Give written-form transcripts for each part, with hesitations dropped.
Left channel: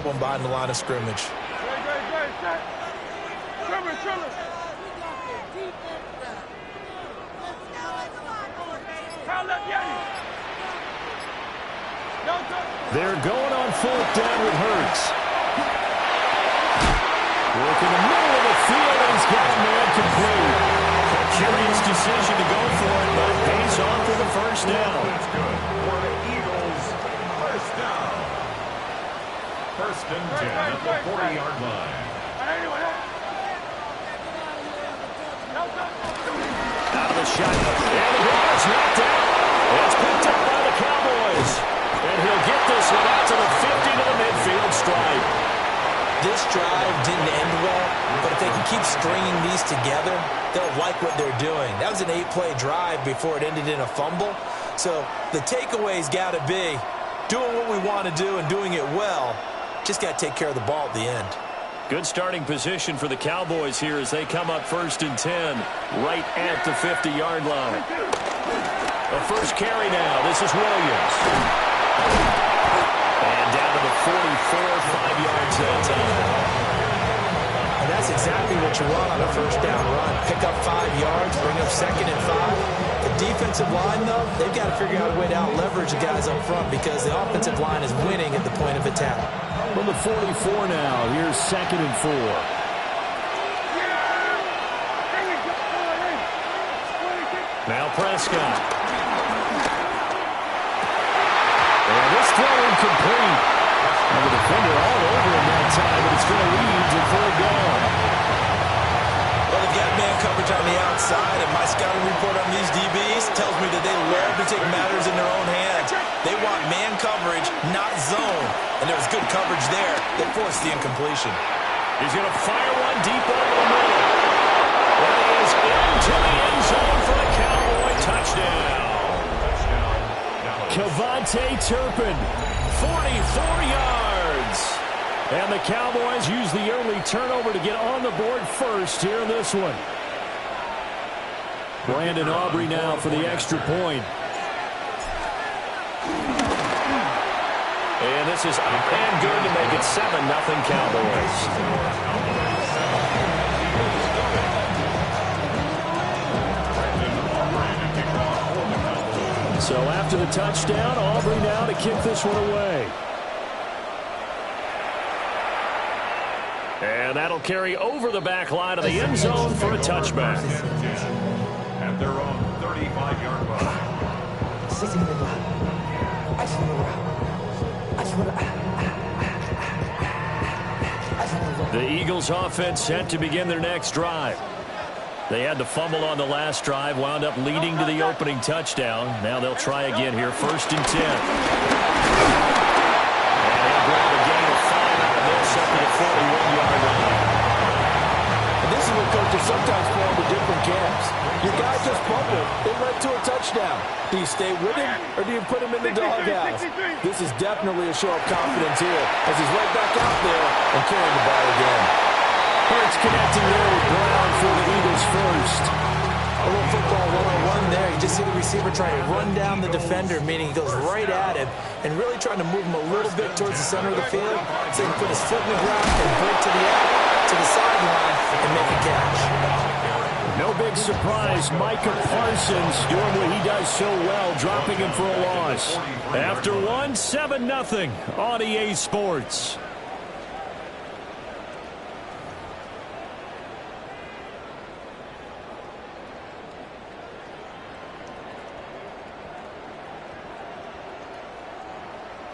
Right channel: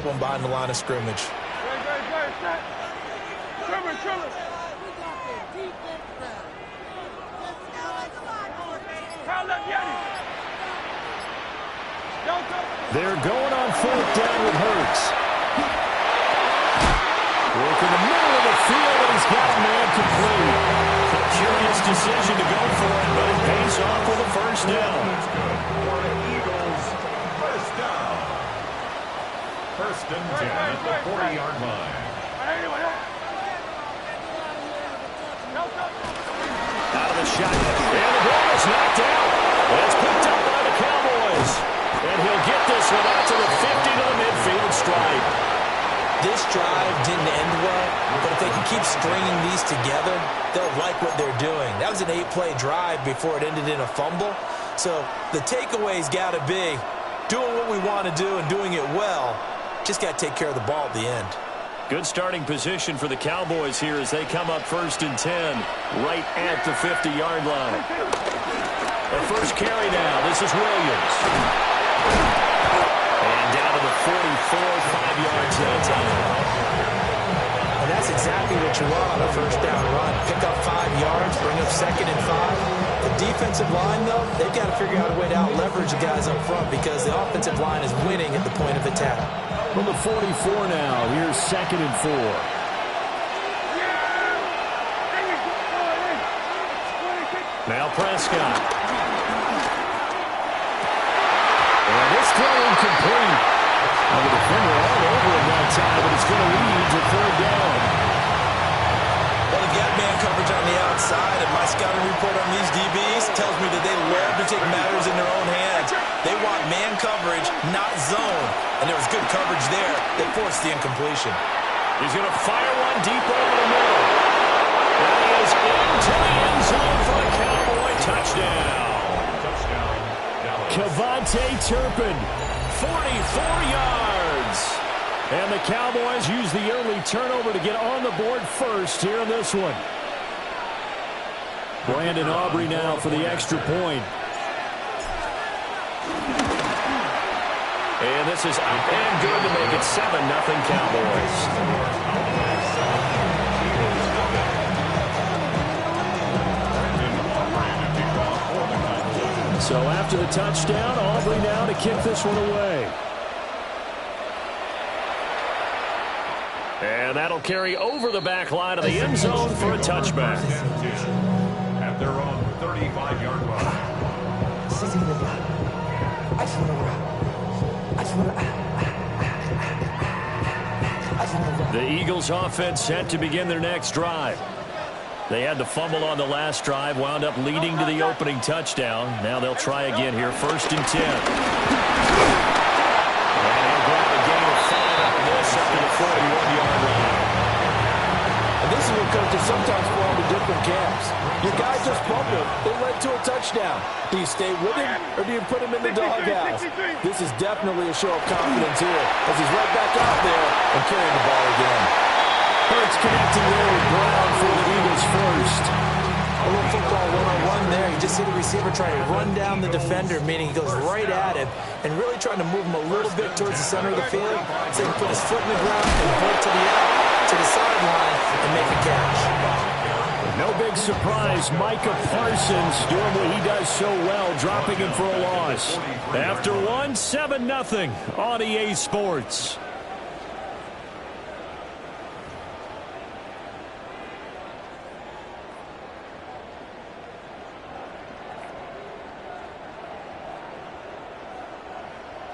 grab one behind the line of scrimmage. They're going on fourth down with Hurts. Work in the middle of the field, and he's got a man complete. A curious decision to go for it, but it pays off with a first down. That's good for the Eagles. First down. First and 10 at the 40-yard line. Out of the shotgun. And the ball is knocked out. And it's picked up by the Cowboys. And he'll get this one out to the 50 to the midfield stripe. This drive didn't end well, but if they can keep stringing these together, they'll like what they're doing. That was an 8-play drive before it ended in a fumble. So the takeaway's got to be doing what we want to do and doing it well. Just got to take care of the ball at the end. Good starting position for the Cowboys here as they come up first and 10 right at the 50-yard line. The first carry now. This is Williams. And down to the 44, 5 yards that time. And that's exactly what you want on a first down run. Pick up 5 yards, bring up second and 5. The defensive line, though, they've got to figure out a way to out-leverage the guys up front because the offensive line is winning at the point of attack. From the 44 now, here's second and 4. Now Prescott. And this throw incomplete. Now the defender all over him that time, but it's going to lead to third down. Well, they've got man coverage on the outside, and my scouting report on these DBs tells me that they love to take matters in their own hands. They want man coverage, not zone. And there was good coverage there that forced the incompletion. He's going to fire one deep over the middle. That is into the end zone for a Cowboy touchdown. Kevontae Turpin, 44 yards. And the Cowboys use the early turnover to get on the board first here in this one. Brandon Aubrey now for the extra point. And this is up and good to make it 7-0 Cowboys. So after the touchdown, Aubrey now to kick this one away. And that'll carry over the back line of the end zone for a touchback. At their own 35-yard line. The Eagles offense set to begin their next drive. They had the fumble on the last drive, wound up leading to the opening touchdown. Now they'll try again here, first and 10. And he'll grab a gain of 5 out of this up to the 41-yard line. And this is what coaches sometimes fall into different camps. Your guy just fumbled. It led to a touchdown. Do you stay with him or do you put him in the doghouse? This is definitely a show of confidence here as he's right back out there and carrying the ball again. Hurts connecting there with Brown for the Eagles first. A little football 1-on-1 there. You just see the receiver trying to run down the defender, meaning he goes right at him and really trying to move him a little bit towards the center of the field so he can put his foot in the ground and break to the out, to the sideline, and make a catch. No big surprise, Micah Parsons doing what he does so well, dropping him for a loss. After one, 7-0 on EA Sports.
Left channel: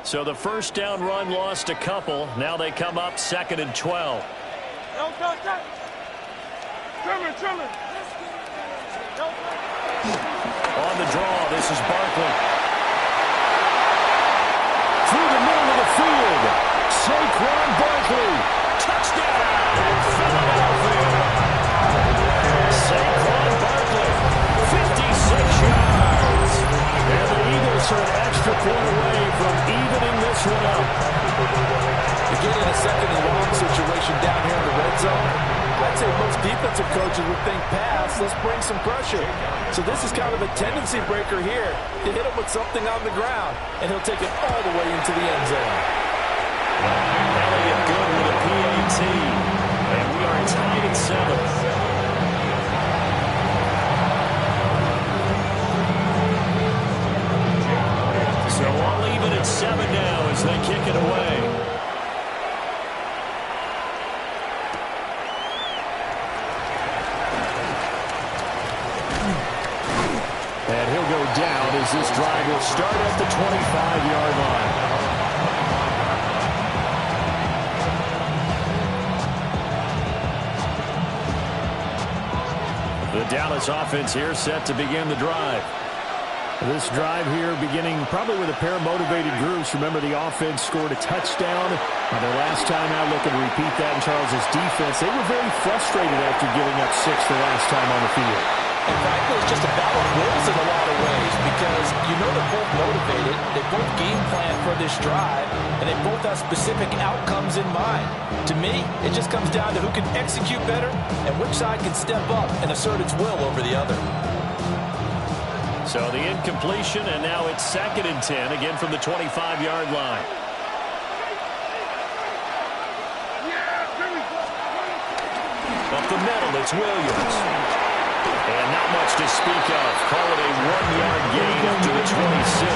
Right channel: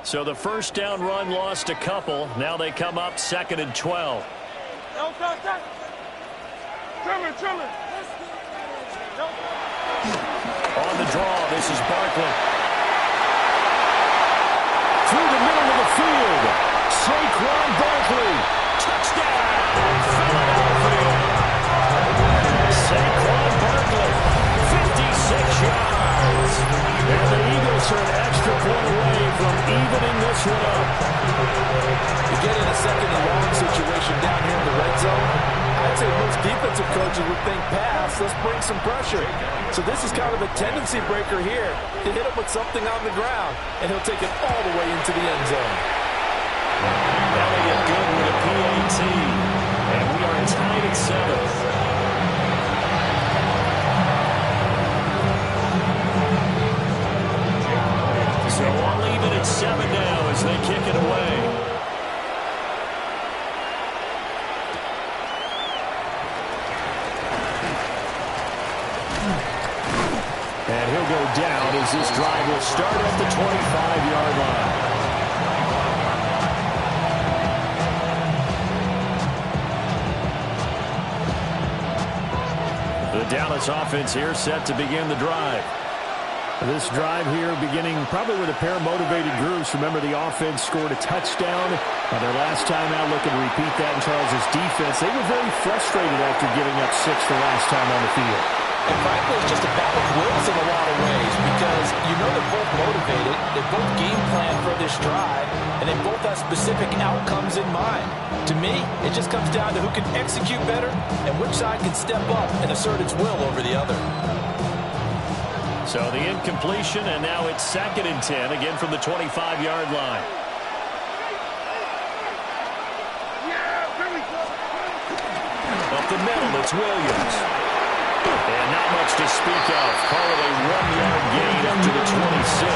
So the first down run lost a couple. Now they come up second and 12. On the draw, this is Barkley. Through the middle of the field, Saquon Barkley. Touchdown, Philadelphia. Saquon Barkley, 56 yards. And the Eagles are an extra point away from evening this one up. You get in a second and long situation down here in the red zone, I'd say most defensive coaches would think pass, let's bring some pressure. So this is kind of a tendency breaker here to hit him with something on the ground, and he'll take it all the way into the end zone. And we are tied at 7. So all even at 7 now as they kick it away. And he'll go down as this drive will start at the 25-yard line. The Dallas offense here set to begin the drive. This drive here beginning probably with a pair of motivated groups. Remember, the offense scored a touchdown on their last time out, looking to repeat that in Charles's defense. They were very frustrated after giving up 6 the last time on the field. And frankly, it's just a battle of wills in a lot of ways because you know they're both motivated, they both game plan for this drive, and they both have specific outcomes in mind. To me, it just comes down to who can execute better and which side can step up and assert its will over the other. So the incompletion, and now it's 2nd and 10, again from the 25-yard line. Up the middle, it's Williams. And not much to speak of. Call it a 1-yard gain up to the 26.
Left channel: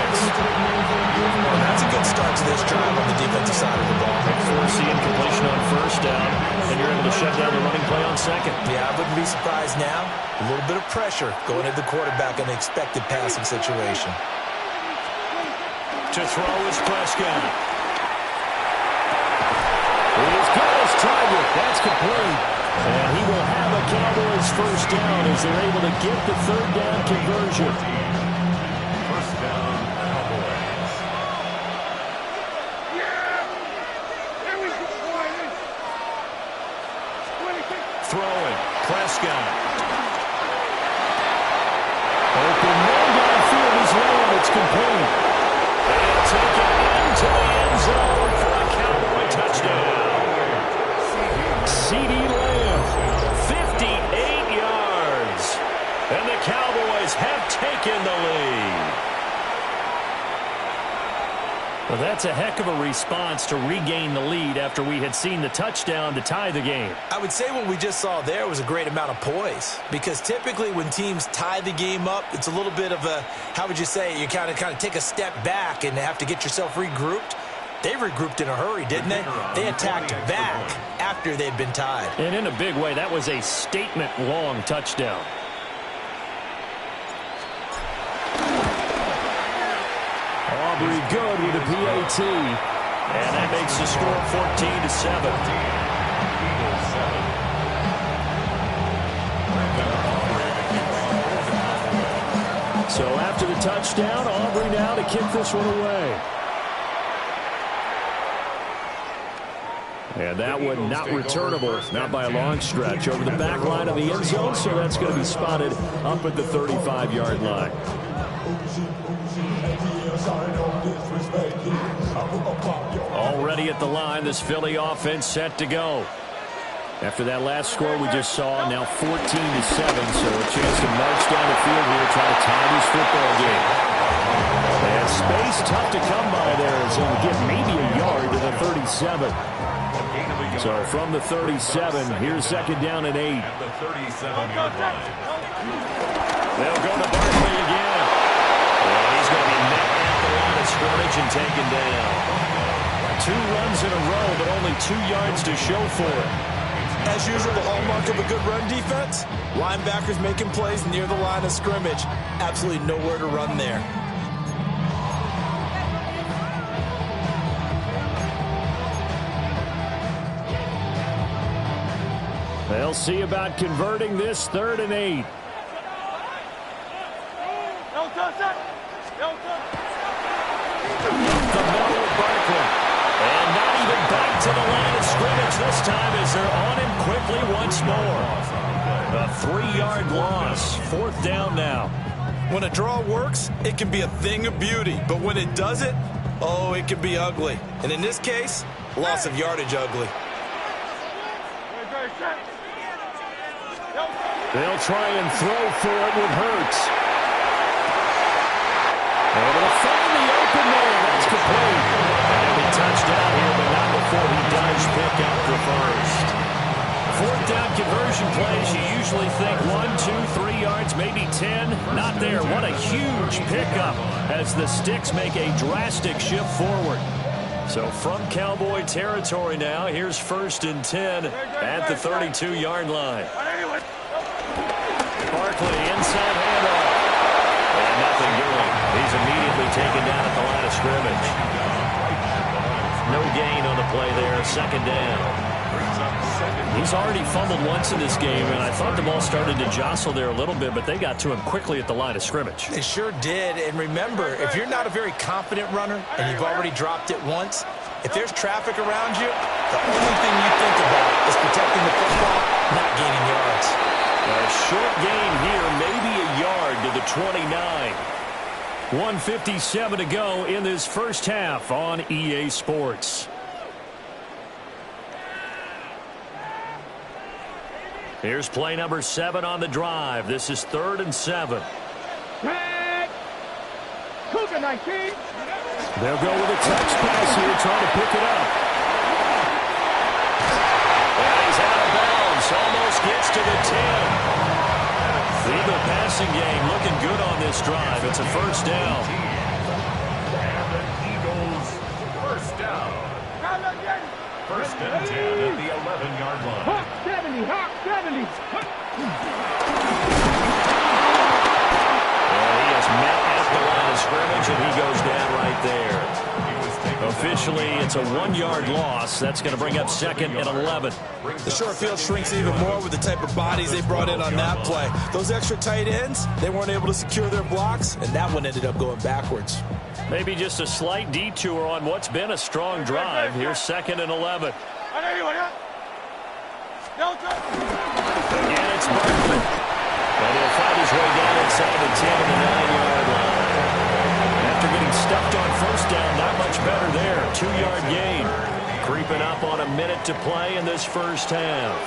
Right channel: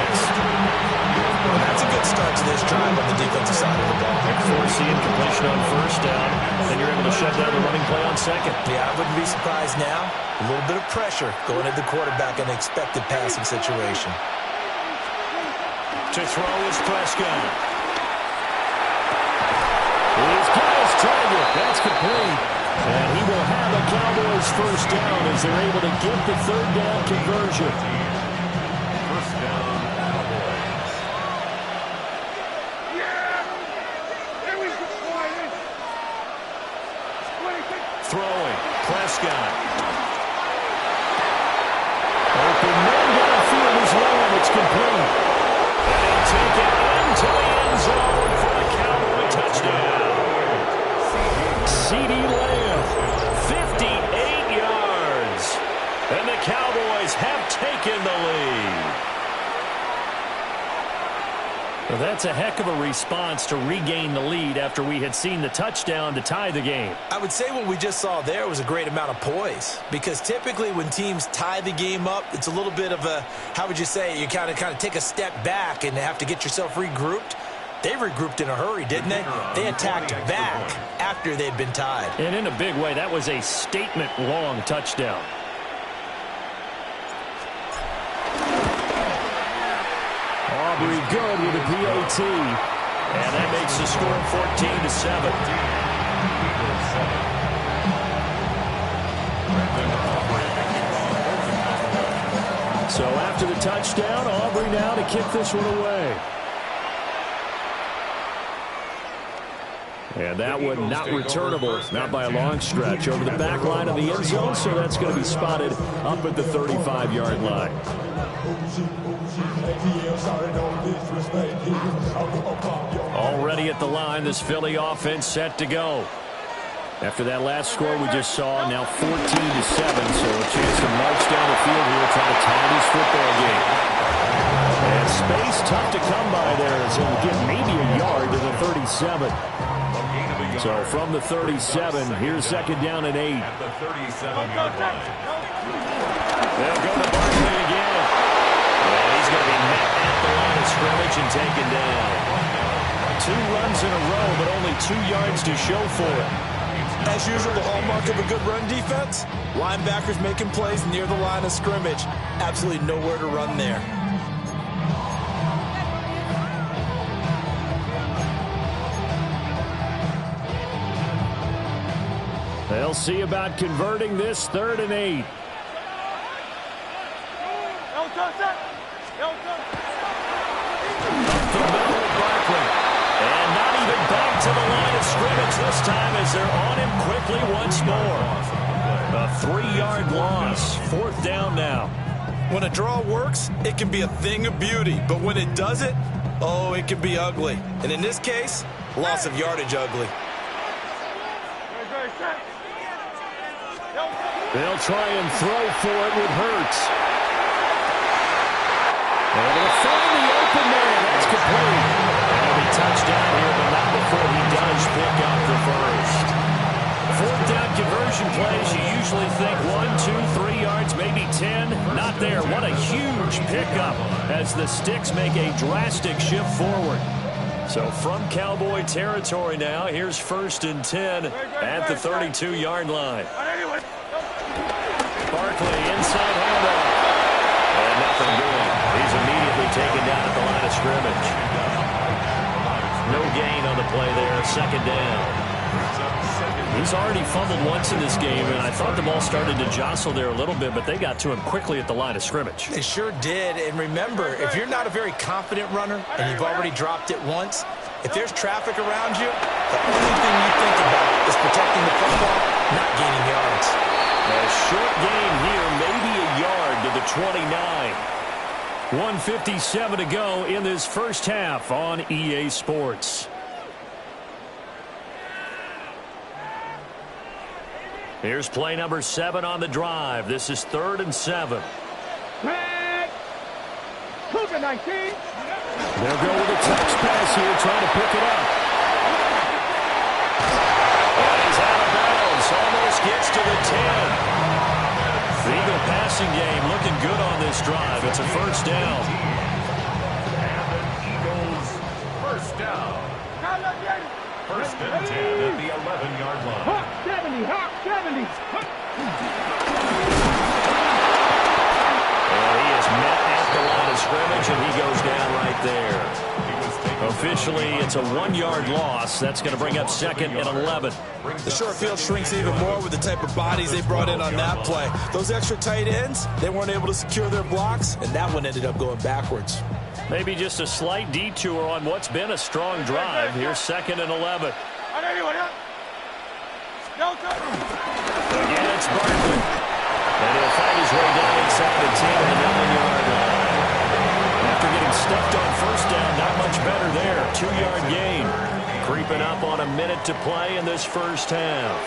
Well, that's a good start to this drive on the defensive side of the ball. Force the incompletion on 1st down, then you're able to shut down the running play on 2nd. Yeah, I wouldn't be surprised now. A little bit of pressure going at the quarterback in an expected passing situation. To throw is Prescott. He's got his target. That's complete. And he will have a Cowboys 1st down as they're able to get the 3rd down conversion. 1st down, Cowboys. Throwing, Prescott. Open man downfield is Lamb. It's complete. And he'll take it into the end zone for a Cowboy touchdown. CeeDee Lamb, 58 yards. And the Cowboys have taken the lead. Well, that's a heck of a response to regain the lead after we had seen the touchdown to tie the game. I would say what we just saw there was a great amount of poise because typically when teams tie the game up, it's a little bit of a, how would you say, you kind of take a step back and have to get yourself regrouped. They regrouped in a hurry, didn't they? They attacked back after they'd been tied. And in a big way, that was a statement-long touchdown. Aubrey good with a PAT. And that makes the score 14-7. Eagles 7. Brandon Aubrey, the kickoff for the Cowboys. So after the touchdown, Aubrey now to kick this one away. And that one not returnable, not by a long stretch, over the back line of the end zone, so that's going to be spotted up at the 35-yard line. Already at the line, this Philly offense set to go. After that last score we just saw, now 14-7, so a chance to march down the field here, try to tie this football game. And space tough to come by there as he'll get maybe a yard to the 37. So from the 37, here's 2nd down and 8. At the 37-yard line. They'll go to Barkley again. And he's going to be met at the line of scrimmage and taken down. 2 runs in a row, but only 2 yards to show for it. As usual, the hallmark of a good run defense, linebackers making plays near the line of scrimmage. Absolutely nowhere to run there. They'll see about converting this 3rd and 8. Up the middle, Barkley. And not even back to the line of scrimmage this time as they're on him quickly once more. A 3-yard loss. 4th down now. When a draw works, it can be a thing of beauty. But when it doesn't, oh, it can be ugly. And in this case, loss of yardage ugly. They'll try and throw for it with Hurts. Able to find the open man. That's complete. And he'll be touched down here, but not before he does pick up the first. Fourth down conversion plays, you usually think 1, 2, 3 yards, maybe 10. Not there. What a huge pickup as the Sticks make a drastic shift forward. So from Cowboy territory now, here's 1st and 10 at the 32-yard line. Barkley, inside handoff. And nothing doing. He's immediately taken down at the line of scrimmage. No gain on the play there. 2nd down. He's already fumbled once in this game, and I thought the ball started to jostle there a little bit, but they got to him quickly at the line of scrimmage. They sure did. And remember, if you're not a very confident runner and you've already dropped it once, if there's traffic around you, the only thing you think about is protecting the football, not gaining yards. A short gain here, maybe a yard to the 29. 1:57 to go in this first half on EA Sports. Here's play number 7 on the drive. This is 3rd and 7. Cougar 19. They'll go with a touch pass here, trying to pick it up. And he's out of bounds. Almost gets to the 10. The Eagle passing game looking good on this drive. It's a 1st down. And the Eagles' 1st down. 1st and 10 at the 11-yard line. Hawk 70, Hawk 70. And he is met at the line of scrimmage, and he goes down right there. Officially, it's a 1-yard loss. That's going to bring up 2nd and 11. The short field shrinks even more with the type of bodies they brought in on that play. Those extra tight ends, they weren't able to secure their blocks, and that one ended up going backwards. Maybe just a slight detour on what's been a strong drive. Here's 2nd and 11. Again, it's Barkley. And he'll find his way down inside the 10 and the 9-yard line. After getting stuffed on 1st down, not much better there. 2-yard gain. Creeping up on a minute to play in this first half.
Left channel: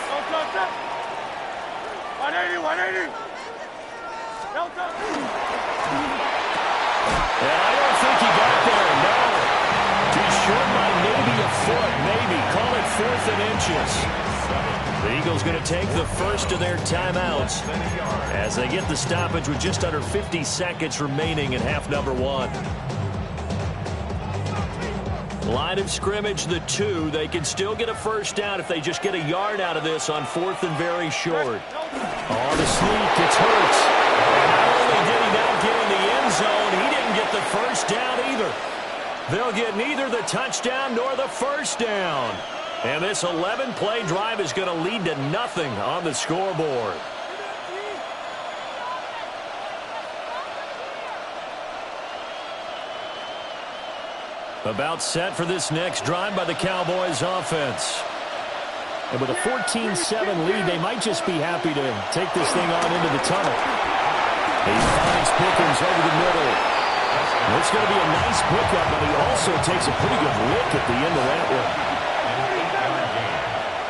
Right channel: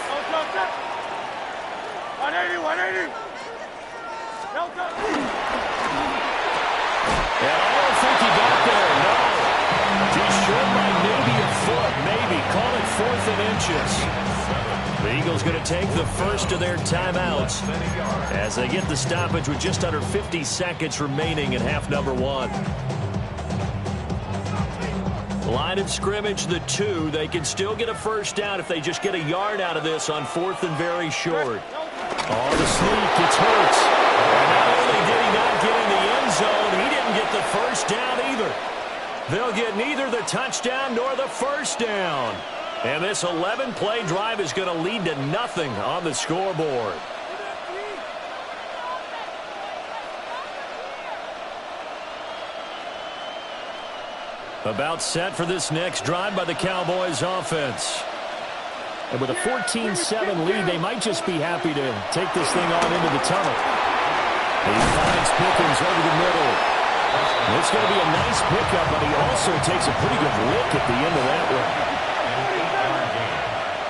180. And I don't think he got there, no. He's short by maybe a foot, maybe. Call it 4th and inches. The Eagles going to take the first of their timeouts as they get the stoppage with just under 50 seconds remaining in half number 1. Line of scrimmage, the 2. They can still get a 1st down if they just get a yard out of this on 4th and very short. Oh, the sneak, it's Hurts. And not only did he not get in the end zone, he didn't get the 1st down either. They'll get neither the touchdown nor the 1st down. And this 11-play drive is going to lead to nothing on the scoreboard. About set for this next drive by the Cowboys offense. And with a 14-7 lead, they might just be happy to take this thing on into the tunnel. He finds Pickens over the middle. It's going to be a nice pickup, but he also takes a pretty good lick at the end of that one.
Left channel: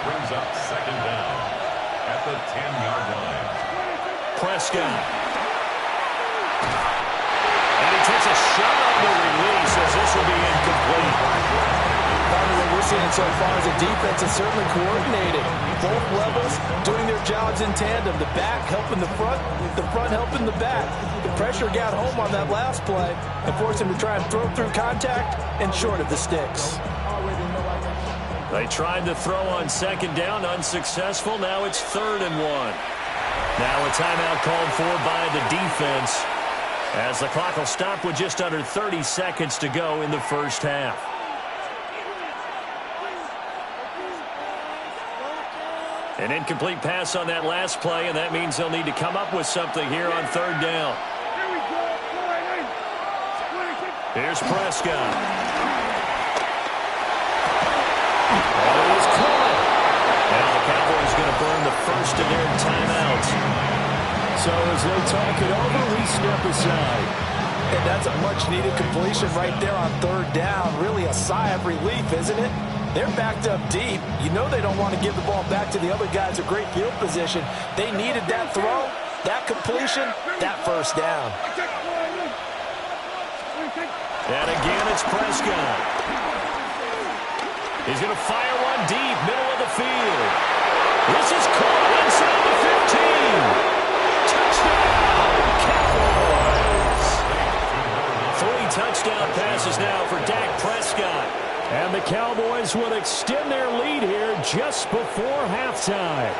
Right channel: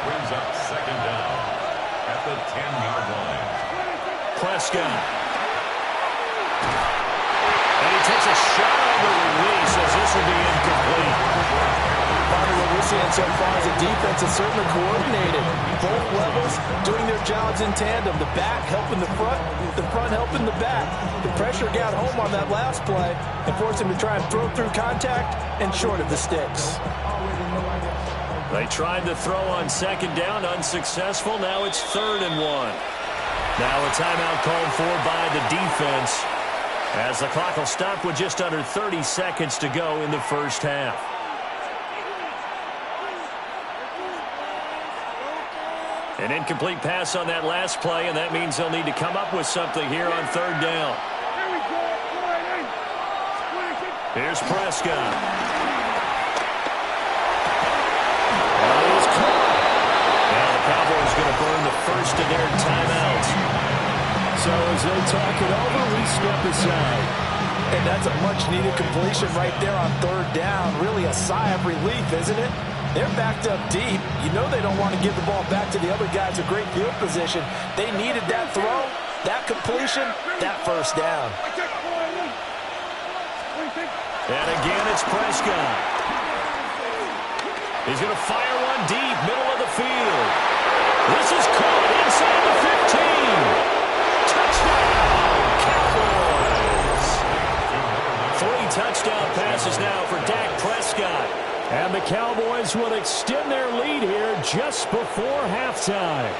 Brings up 2nd down at the 10-yard line. Prescott. And he takes a shot on the release as this will be incomplete. Partner, what we're seeing so far is the defense is certainly coordinated. Both levels doing their jobs in tandem. The back helping the front helping the back. The pressure got home on that last play and forced him to try and throw through contact and short of the sticks. They tried to throw on 2nd down, unsuccessful. Now it's 3rd and 1. Now a timeout called for by the defense as the clock will stop with just under 30 seconds to go in the first half. An incomplete pass on that last play, and that means they'll need to come up with something here on 3rd down. Here's Prescott. And it is caught. Now the Cowboys going to burn the first of their timeouts. So as they talk it over, we step aside. And that's a much-needed completion right there on 3rd down. Really a sigh of relief, isn't it? They're backed up deep. You know they don't want to give the ball back to the other guys with great field position. They needed that throw, that completion, that 1st down. And again, it's Prescott. He's going to fire one deep, middle of the field. This is caught inside the 15. Touchdown, Cowboys. 3 touchdown passes now for Dak Prescott. And the Cowboys will extend their lead here just before halftime.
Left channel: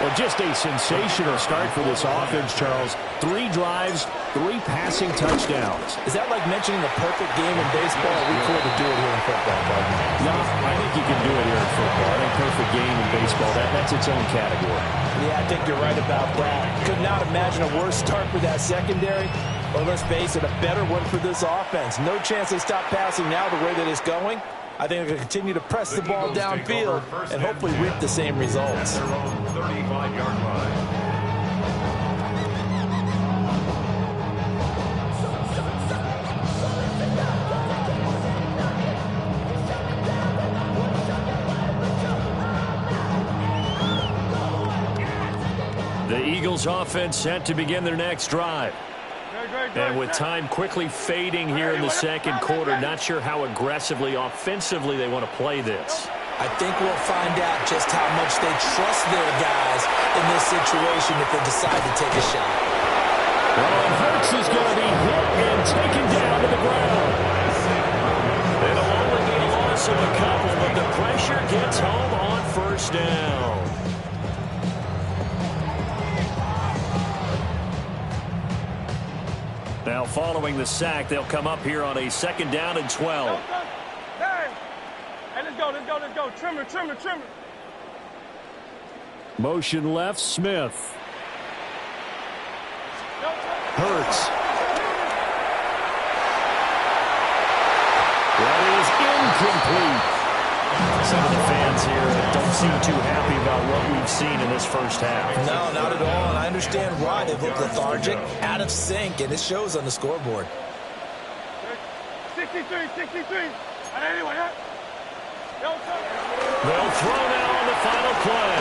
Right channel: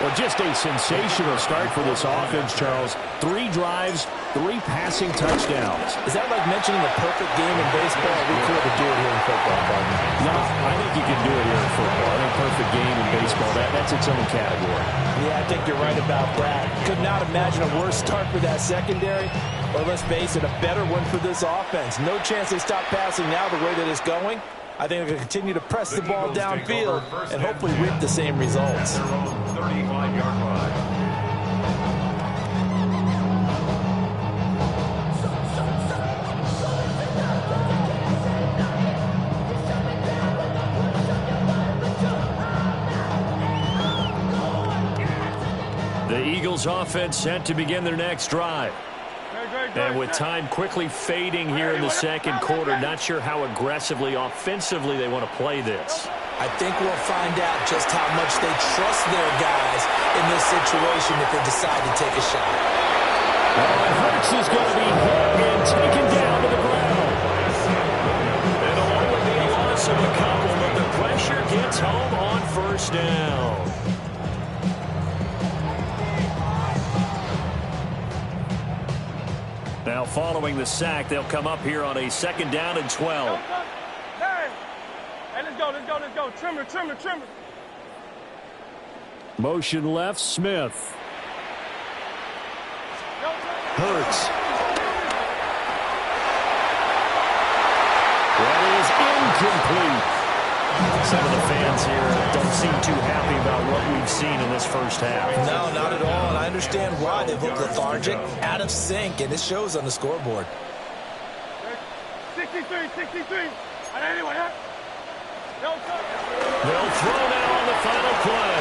Well, just a sensational start for this offense, Charles. 3 drives, 3 passing touchdowns. Is that like mentioning the perfect game in baseball? We could do it here in football, partner. No, I think you can do it here in football. I think perfect game in baseball, that's its own category. Yeah, I think you're right about that. Could not imagine a worse start for that secondary. Or let's face it, a better one for this offense. No chance they stop passing now the way that it's going. I think they're going to continue to press the ball downfield and hopefully reap the same results. Their own 35-yard line. The Eagles offense set to begin their next drive. And with time quickly fading here in the second quarter, not sure how aggressively, offensively they want to play this. I think we'll find out just how much they trust their guys in this situation if they decide to take a shot. Oh, and Hurts is going to be hit and taken down to the ground. It'll only be a loss of a couple, but the pressure gets home on first down. Now following the sack, they'll come up here on a 2nd down and 12. Hey, let's go. Trimmer. Motion left, Smith. Hurts. That is incomplete. Some of the fans here don't seem too happy about what we've seen in this first half. No, not at all, and I understand why. They've looked lethargic, out of sync, and it shows on the scoreboard. 63. They'll throw now on the final play.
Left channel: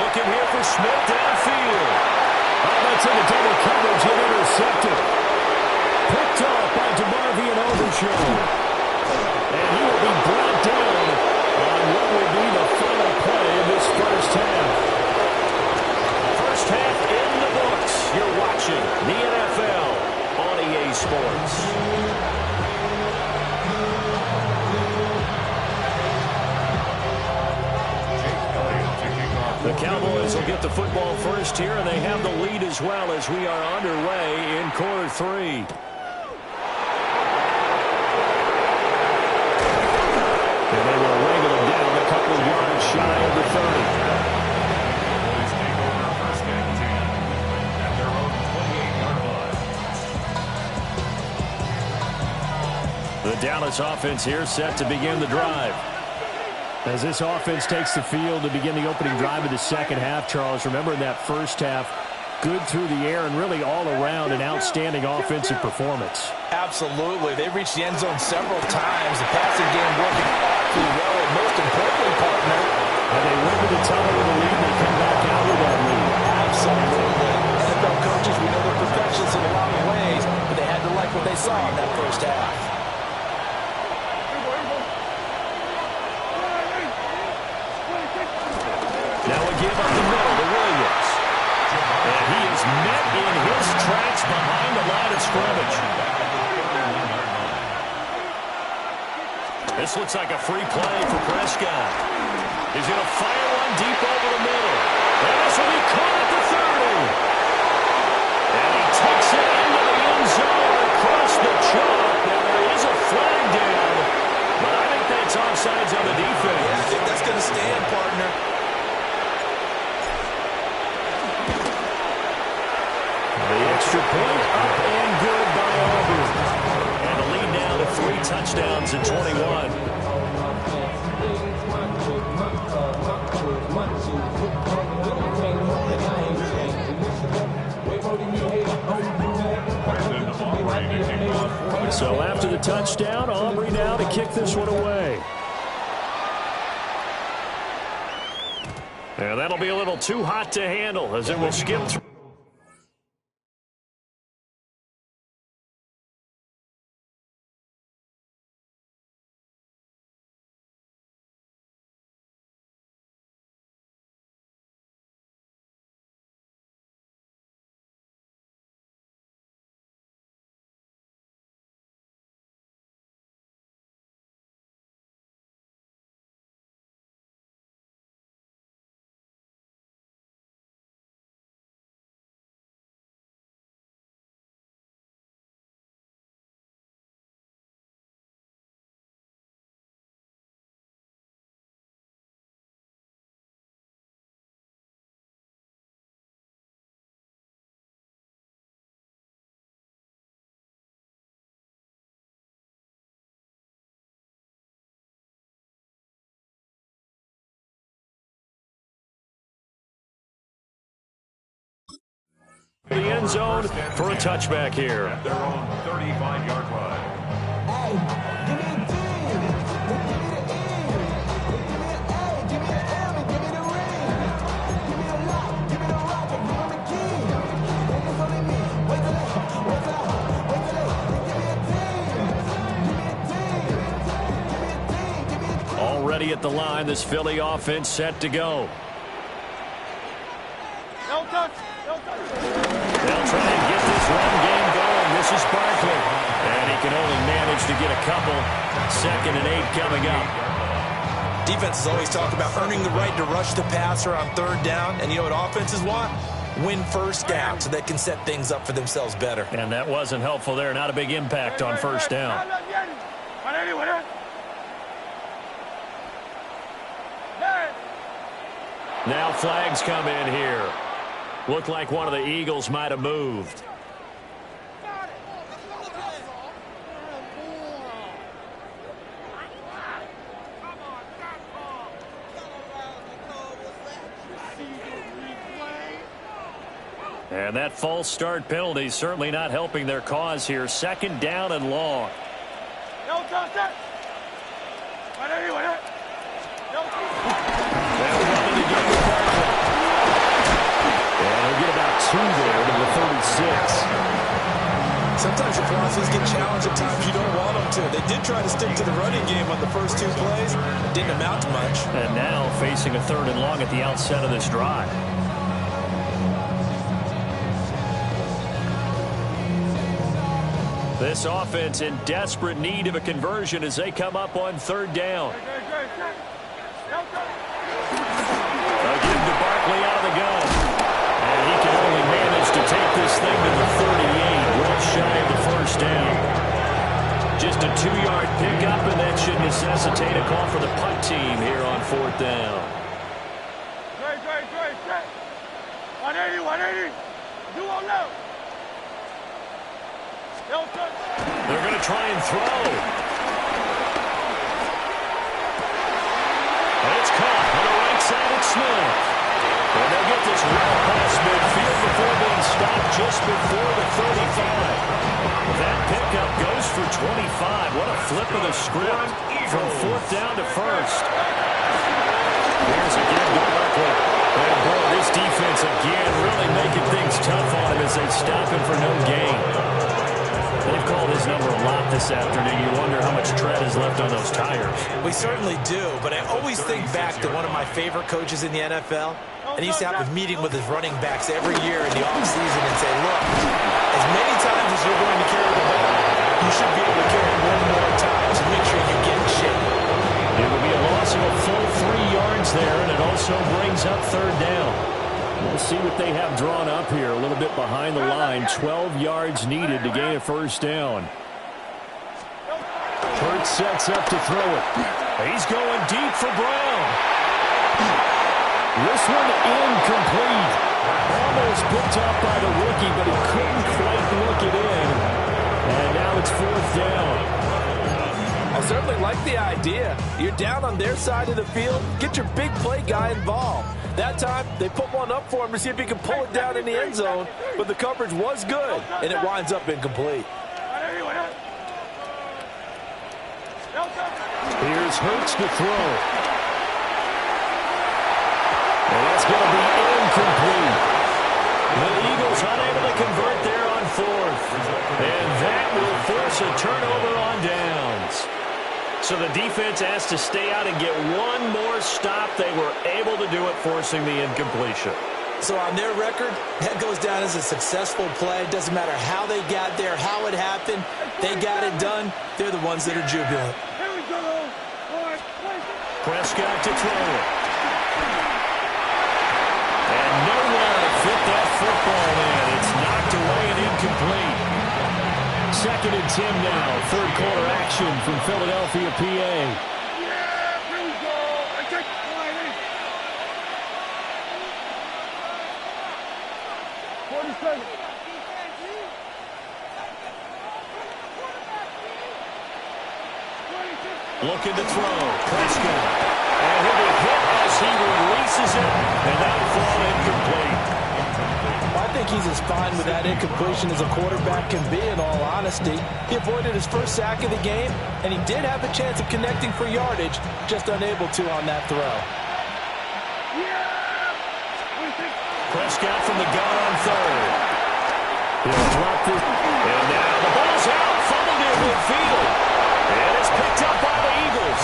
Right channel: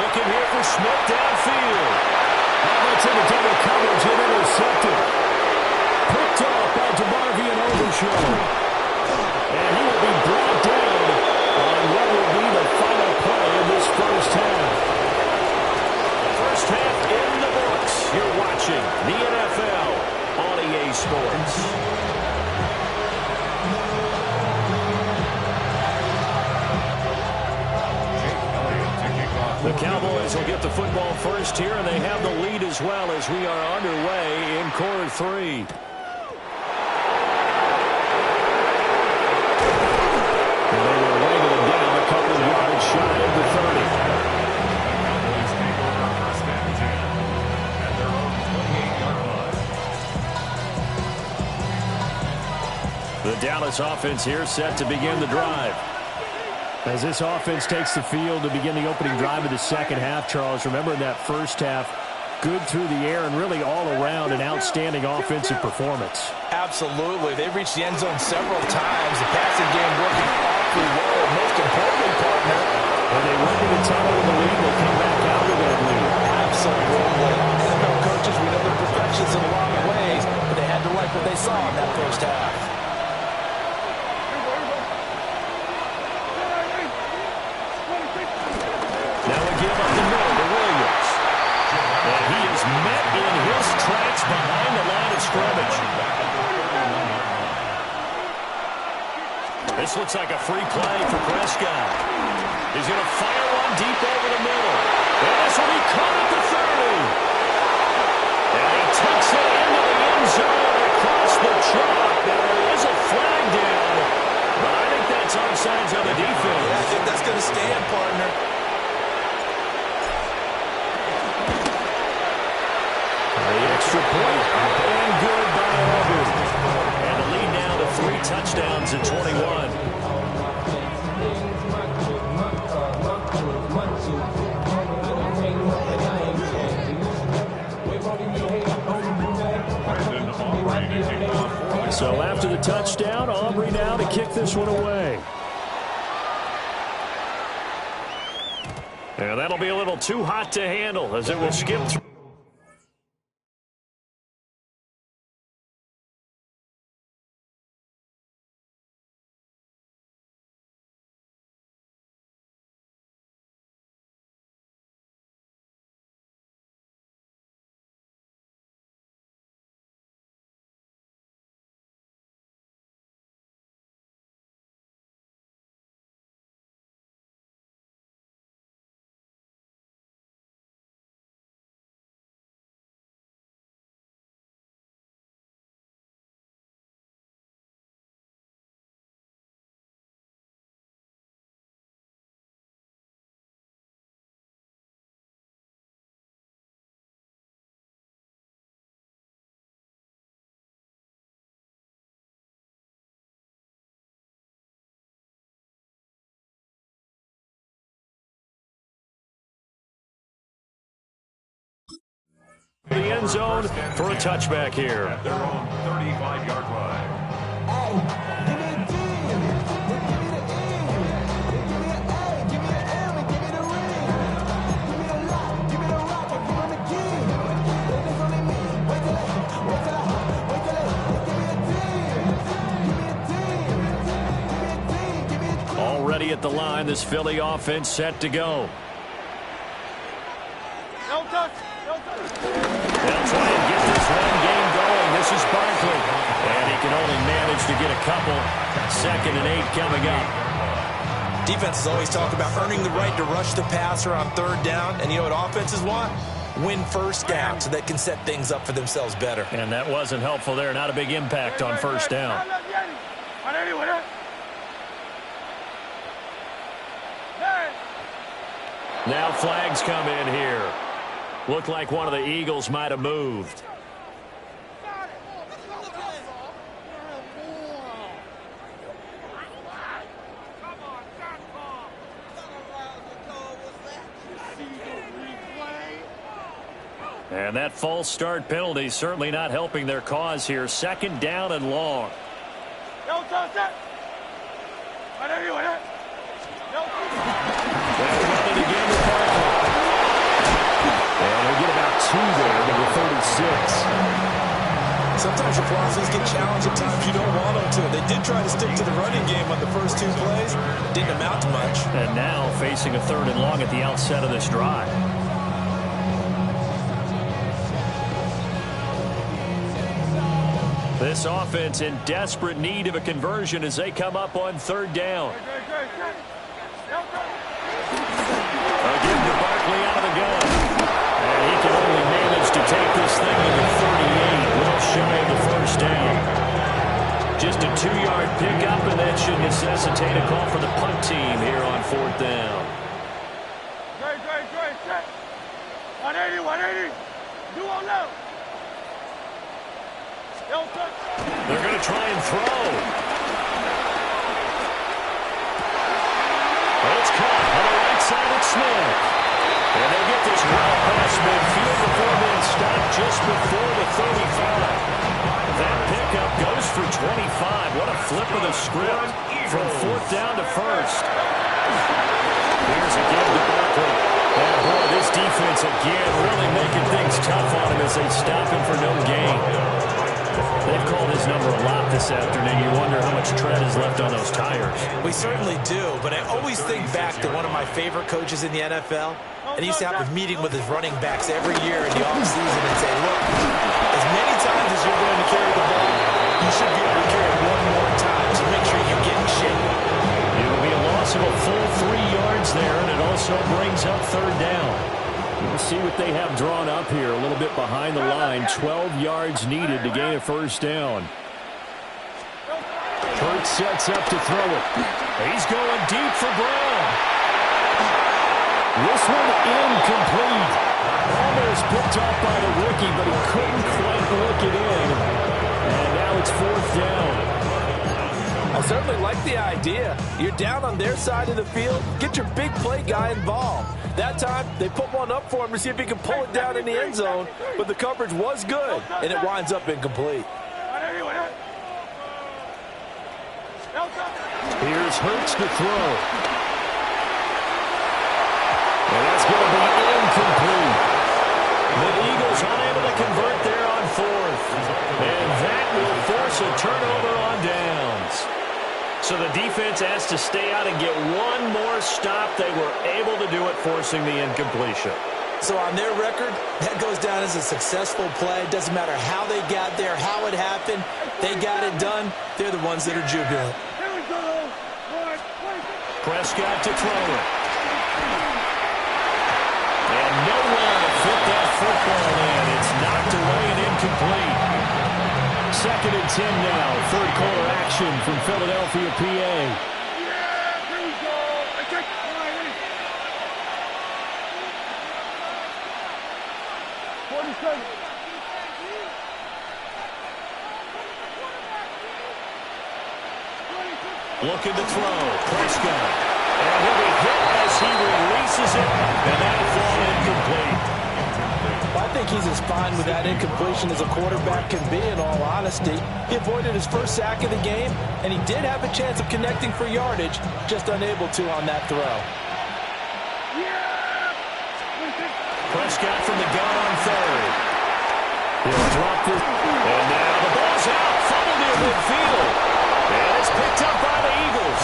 Looking here for Smith downfield. That's in the double coverage and intercepted. Picked off by DeMarvion Overshow. And he will be brought down on what will be the final play of this first half. First half in the books. You're watching the NFL on EA Sports. The Cowboys will get the football first here, and they have the lead as well as we are underway in quarter 3. And they will wrangle him down a couple of yards shy of the 30. The Cowboys take over 1st and 10 at their own 28-yard line. The Dallas offense here set to begin the drive. As this offense takes the field to begin the opening drive of the second half, Charles, remember in that first half, good through the air and really all around an outstanding offensive performance. Absolutely. They've reached the end zone several times. The passing game working awfully well, and most importantly, partner. And they went to the tunnel with a lead, and they come back out with that lead. Absolutely. NFL coaches, we know they're perfections in a lot of ways, but they had to like what they saw in that first half. Now a give up the middle to Williams. And he is met in his tracks behind the line of scrimmage. This looks like a free play for Prescott. He's going to fire one deep over the middle. And this will be caught at the 30. And he takes it into the end zone across the chalk. Now there is a flag down, but I think that's offsides on the defense. Yeah, I think that's going to stand, partner. The extra point up and good by Auburn. And the lead now to 3 touchdowns in 21. So after the touchdown, Aubrey now to kick this one away. And that'll be a little too hot to handle as it will skip through. The end zone for a touchback here. At their own 35-yard line. Hey, give me a G. Give me the E. Give me an A. Give me an M. And give me the ring. Give me the lock. Give me the rock. And give me the key. And it's only me. Wait till give me a team. Give me a team. Give me a team. Give me a team. Already at the line, this Philly offense set to go. No touch. No touch. They'll try and get this run game going. This is Barkley. And he can only manage to get a couple. 2nd and 8 coming up. Defenses always talk about earning the right to rush the passer on 3rd down. And you know what offenses want? Win 1st down so they can set things up for themselves better. And that wasn't helpful there. Not a big impact on 1st down. Now flags come in here. Looked like one of the Eagles might have moved. And that false start penalty certainly not helping their cause here. 2nd down and long. No touch it. They'll run it again with Barkley. And he'll get about 2 there to the 36. Sometimes your philosophies get challenged at times you don't want them to. They did try to stick to the running game on the first 2 plays. Didn't amount to much. And now facing a 3rd and long at the outset of this drive. This offense in desperate need of a conversion as they come up on 3rd down. They'll give to Barkley out of the gun. And he can only manage to take this thing to the 38, well shy of the 1st down. Just a 2-yard pickup, and that should necessitate a call for the punt team here on 4th down. 180. Do on low. They're going to try and throw. And it's caught on the right side of Smith. And they'll get this well past midfield before being stopped just before the 35. That pickup goes for 25. What a flip of the script from 4th down to 1st. Here's a give to Barkley. And boy, this defense again really making things tough on him as they stop him for no gain. They've called his number a lot this afternoon. You wonder how much tread is left on those tires. We certainly do, but I always think back to one of my favorite coaches in the NFL, and he used to have a meeting with his running backs every year in the offseason and say, look, as many times as you're going to carry the ball, you should be able to carry it 1 more time, so make sure you get in shape. It will be a loss of a full 3 yards there, and it also brings up 3rd down. We'll see what they have drawn up here. A little bit behind the line. 12 yards needed to gain a 1st down. Hurts sets up to throw it. He's going deep for Brown. This one incomplete. Almost picked off by the rookie, but he couldn't quite look it in. And now it's 4th down. I certainly like the idea. You're down on their side of the field. Get your big play guy involved. That time, they put one up for him to see if he can pull it down in the end zone, but the coverage was good, and it winds up incomplete. Here's Hurts to throw. And that's going to be incomplete. The Eagles unable to convert there on 4th. And that will force a turnover on downs. So the defense has to stay out and get 1 more stop. They were able to do it, forcing the incompletion. So on their record, that goes down as a successful play. It doesn't matter how they got there, how it happened. They got it done. They're the ones that are jubilant. Here we go. Prescott to throw it. And nowhere to fit that football in. It's knocked away and incomplete. 2nd and 10 now. 3rd quarter action from Philadelphia, PA. Yeah, here we go. Take 40 seconds. Looking to throw. Prescott. And he'll be hit as he releases it. And that'll fall incomplete. I think he's as fine with that incompletion as a quarterback can be, in all honesty. He avoided his first sack of the game, and he did have a chance of connecting for yardage, just unable to on that throw. Prescott from the gun on third. He'll drop this. And now the ball's out. Fumble near midfield. And it's picked up by the Eagles.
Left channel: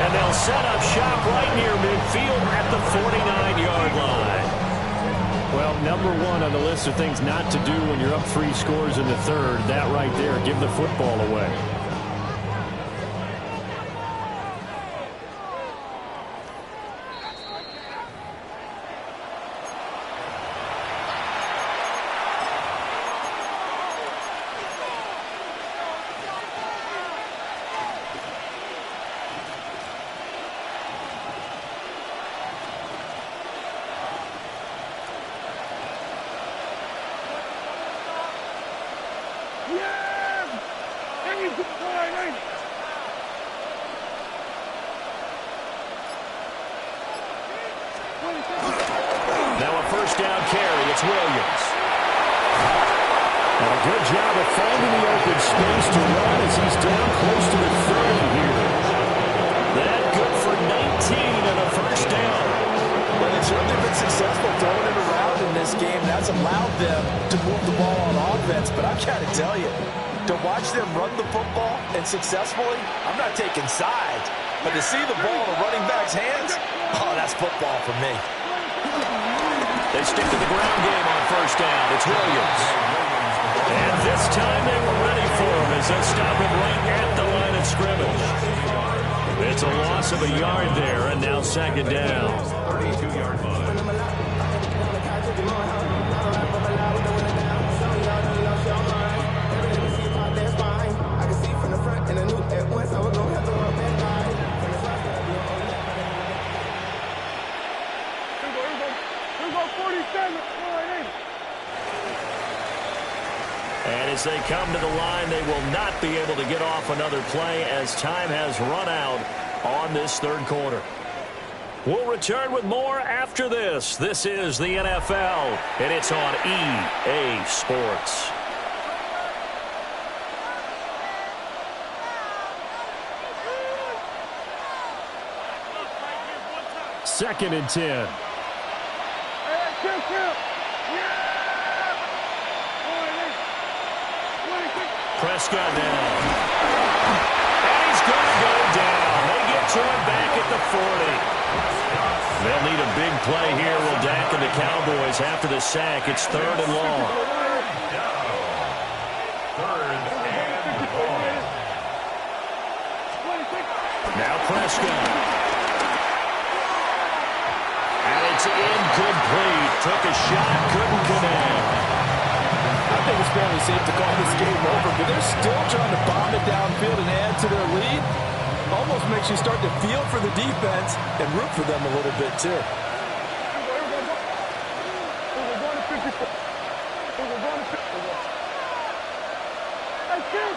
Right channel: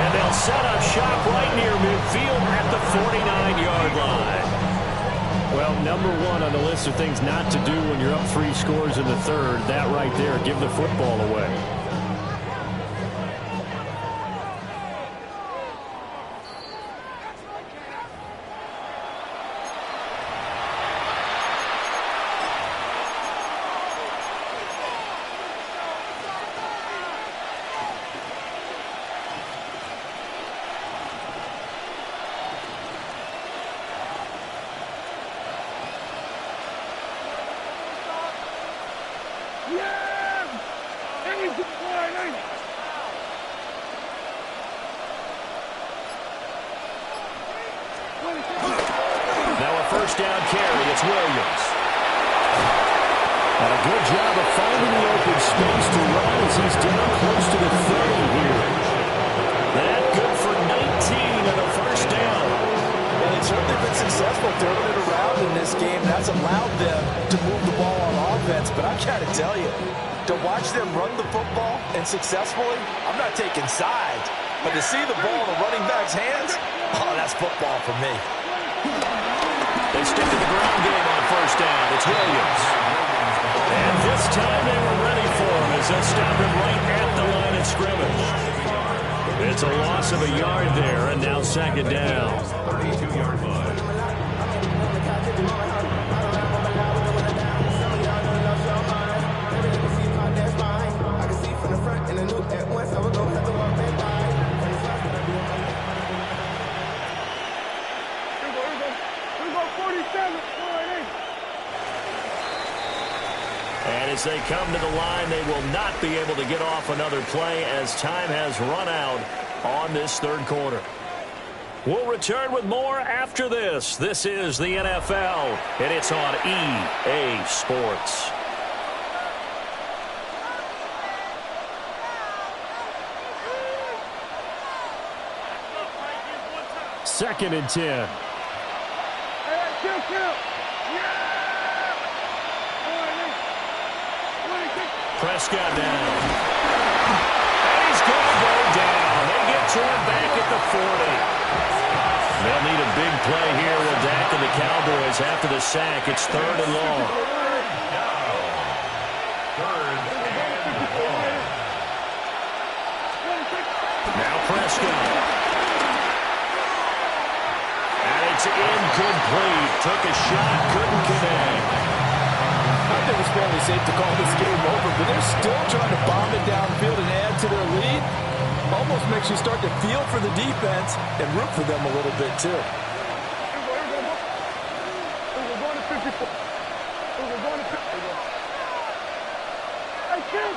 And they'll set up shop right near midfield at the 49-yard line. Well, number one on the list of things not to do when you're up 3 scores in the third, that right there, give the football away. Now a first down carry. It's Williams. And a good job of finding the open space to run as he's down close to the 30 here. That good for 19 and a first down. Well, they've certainly been successful throwing it around in this game. That's allowed them to move the ball on offense. But I've got to tell you, to watch them run the football and successfully, I'm not taking sides. But to see the ball in a running back's hands, oh, that's football for me. They stick to the ground game on first down. It's Williams. And this time they were ready for him as they stop him right at the line of scrimmage. It's a loss of a yard there, and now second down. 32-yard line. I can see from the front and I knew at once I was going to have to walk back by. From the front, I be on the left. Here we go, 47, 48. And as they come to the line, they will not be able to get off another play as time has run out on this third quarter. We'll return with more after this. This is the NFL, and it's on EA Sports. Second and 10. Kill. Prescott down. And he's going to go down. They get to him back at the 40. They'll need a big play here. Will Dak and the Cowboys after the sack. It's third and long. Third and long. Now Prescott. And it's incomplete. Took a shot, couldn't connect. I think it's fairly safe to call this game over, but they're still trying to bomb it downfield and add to their lead. Almost makes you start to feel for the defense and root for them a little bit, too. Here we go, going to 54. Here we go, going to 54. Hey, kill.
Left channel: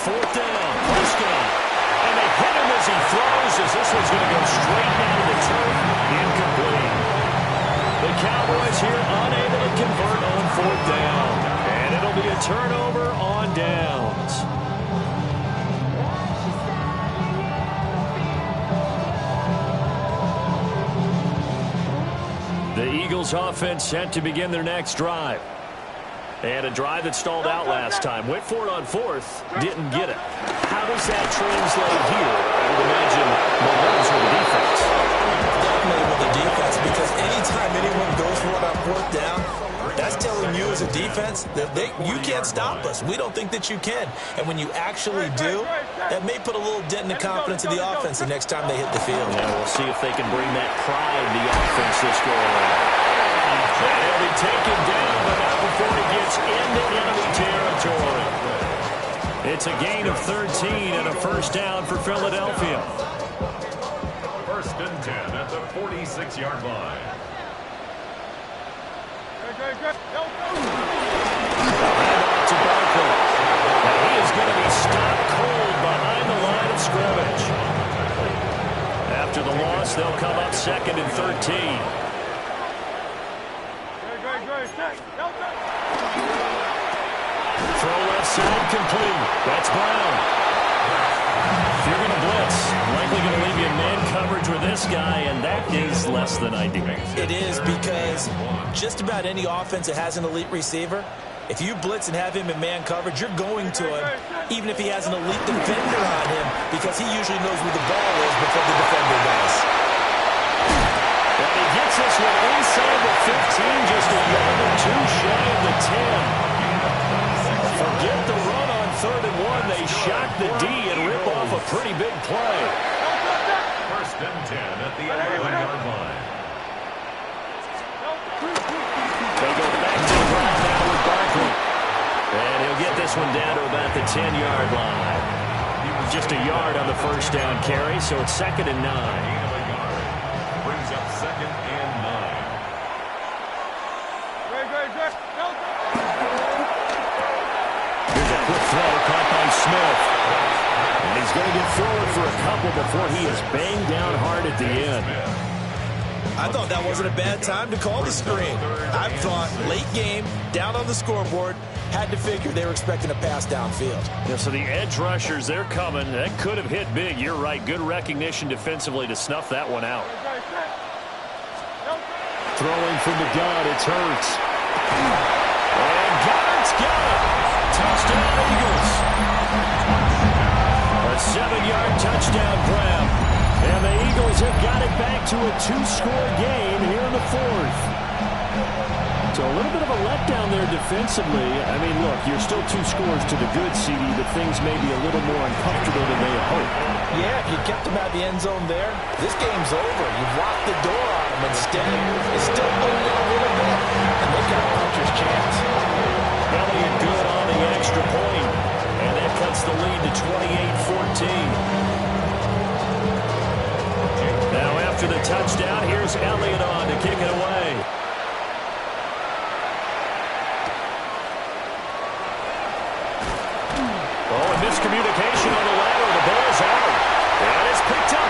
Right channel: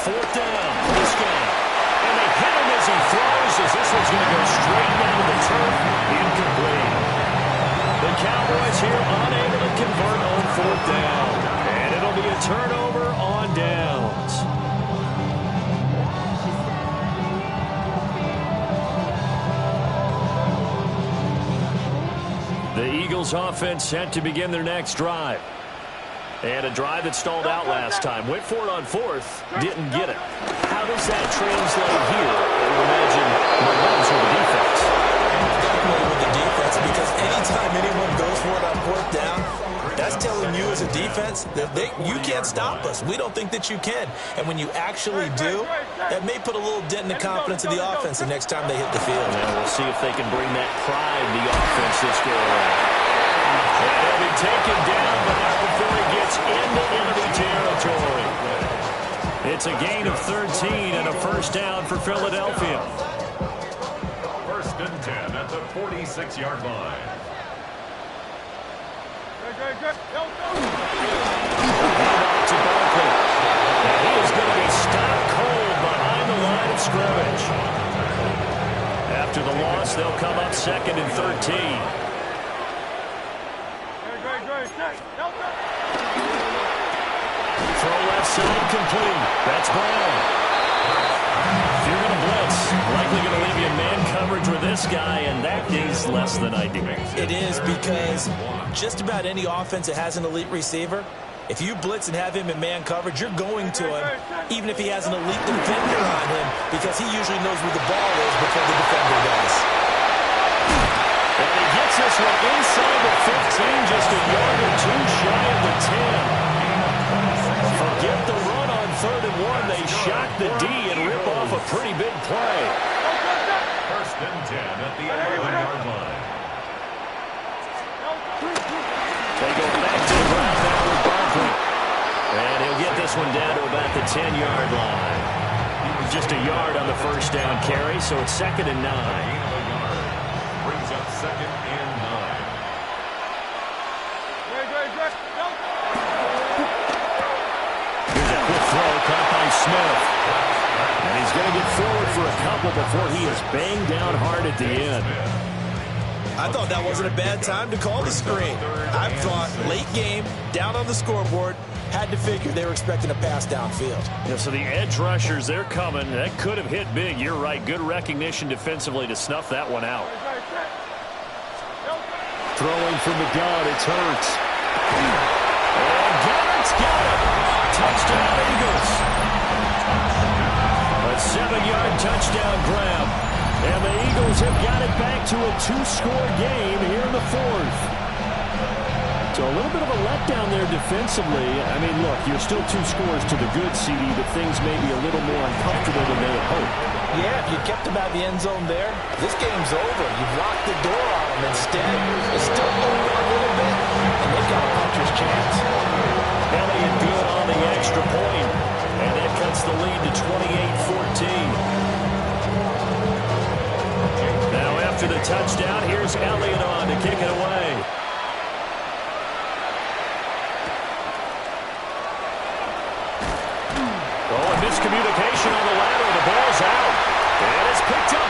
Fourth down, Prescott. And they hit him as he throws, as this one's going to go straight down to the turf. Incomplete. The Cowboys here unable to convert on fourth down. And it'll be a turnover on downs. The Eagles offense set to begin their next drive. And a drive that stalled out last time. Went for it on fourth, didn't get it. How does that translate here? I would imagine momentum's with the defense. Definitely with the defense, because anytime anyone goes for it on fourth down, that's telling you as a defense that you can't stop us. We don't think that you can. And when you actually do, that may put a little dent in the confidence of the offense the next time they hit the field. And we'll see if they can bring that pride to the offense this go around. And he'll be taken down, but not before he gets into enemy territory. It's a gain of 13 and a first down for Philadelphia. First and 10 at the 46-yard line. Handoff to Barkley. Now he is going to be stopped cold behind the line of scrimmage. After the loss, they'll come up second and 13. Throw left side complete. That's Brown. If you're going to blitz, likely going to leave you in man coverage with this guy, and that is less than ideal. It is, because just about any offense that has an elite receiver, if you blitz and have him in man coverage, you're going to him, even if he has an elite defender on him, because he usually knows where the ball is before the defender does. And he gets this one inside the 15, just a yard or two shy of the 10. Forget the run on 3rd and 1. They shock the D and rip off a pretty big play. 1st and 10 at the 11-yard line. They go back to the ground now with Barkley. And he'll get this one down to about the 10-yard line. Just a yard on the first down carry, so it's 2nd and 9. Gain of a yard. Brings up 2nd and 9. Here's a quick throw caught by Smith. And he's going to get forward for a couple before he is banged down hard at the end. I thought that wasn't a bad time to call the screen. I thought late game, down on the scoreboard, had to figure they were expecting a pass downfield. Yeah, so the edge rushers, they're coming. That could have hit big. You're right. Good recognition defensively to snuff that one out. Throwing from the gun, it's Hurts. And Goddard's got it. Touchdown, Eagles. A 7-yard touchdown grab. And the Eagles have got it back to a 2-score game here in the 4th. So a little bit of a letdown there defensively. I mean, look, you're still 2 scores to the good, CD, but things may be a little more uncomfortable than they had hoped. Yeah, if you kept them out of the end zone there, this game's over. You've locked the door on them. Instead, it's still only a little bit, and they've got a puncher's chance. Elliott good on the extra point, and that cuts the lead to 28-14. Now after the touchdown, here's Elliott on to kick it away. Oh, and miscommunication on the lateral. The ball's out. And it's picked up.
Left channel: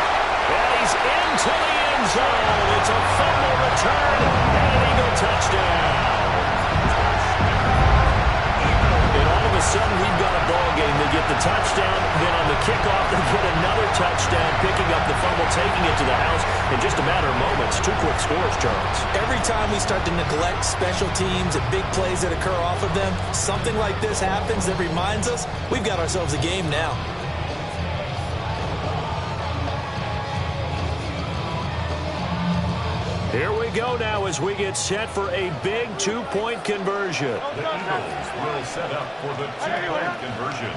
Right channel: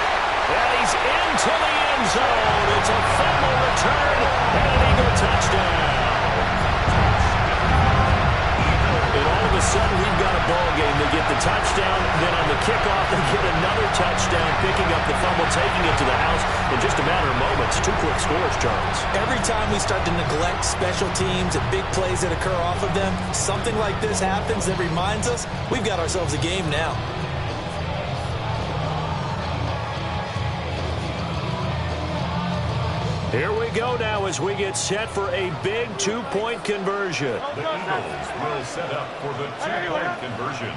And he's into the end zone. It's a fumble return and an Eagle touchdown. And all of a sudden, we've got a ball game. They get the touchdown, then on the kickoff, they get another touchdown, picking up the fumble, taking it to the house in just a matter of moments. 2 quick scores, Charles. Every time we start to neglect special teams and big plays that occur off of them, something like this happens that reminds us we've got ourselves a game now. Here we go now as we get set for a big 2-point conversion. The Eagles will set up for the 2-point conversion.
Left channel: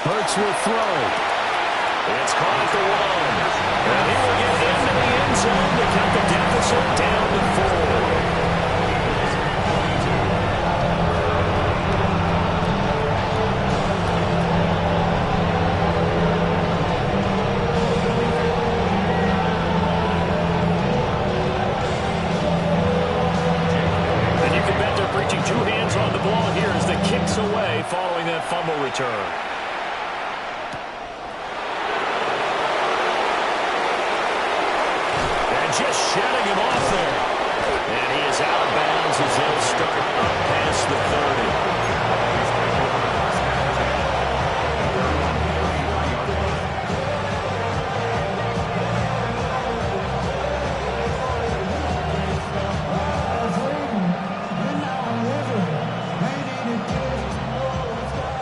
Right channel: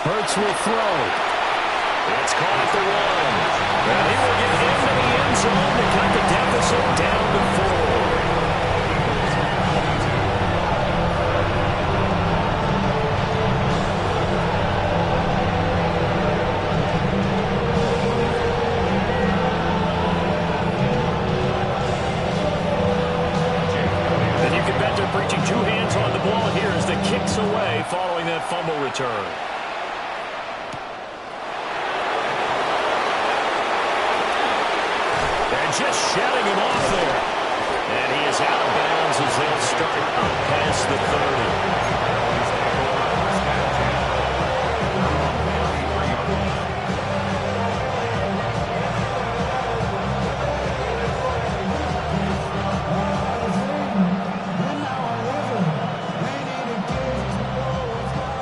Hurts will throw. It's caught at the 1. And he will get into the end zone to cut the deficit down to 4. Preaching 2 hands on the ball here as the kicks away following that fumble return. And just shedding him off there. And he is out of bounds as they'll start up past the 30.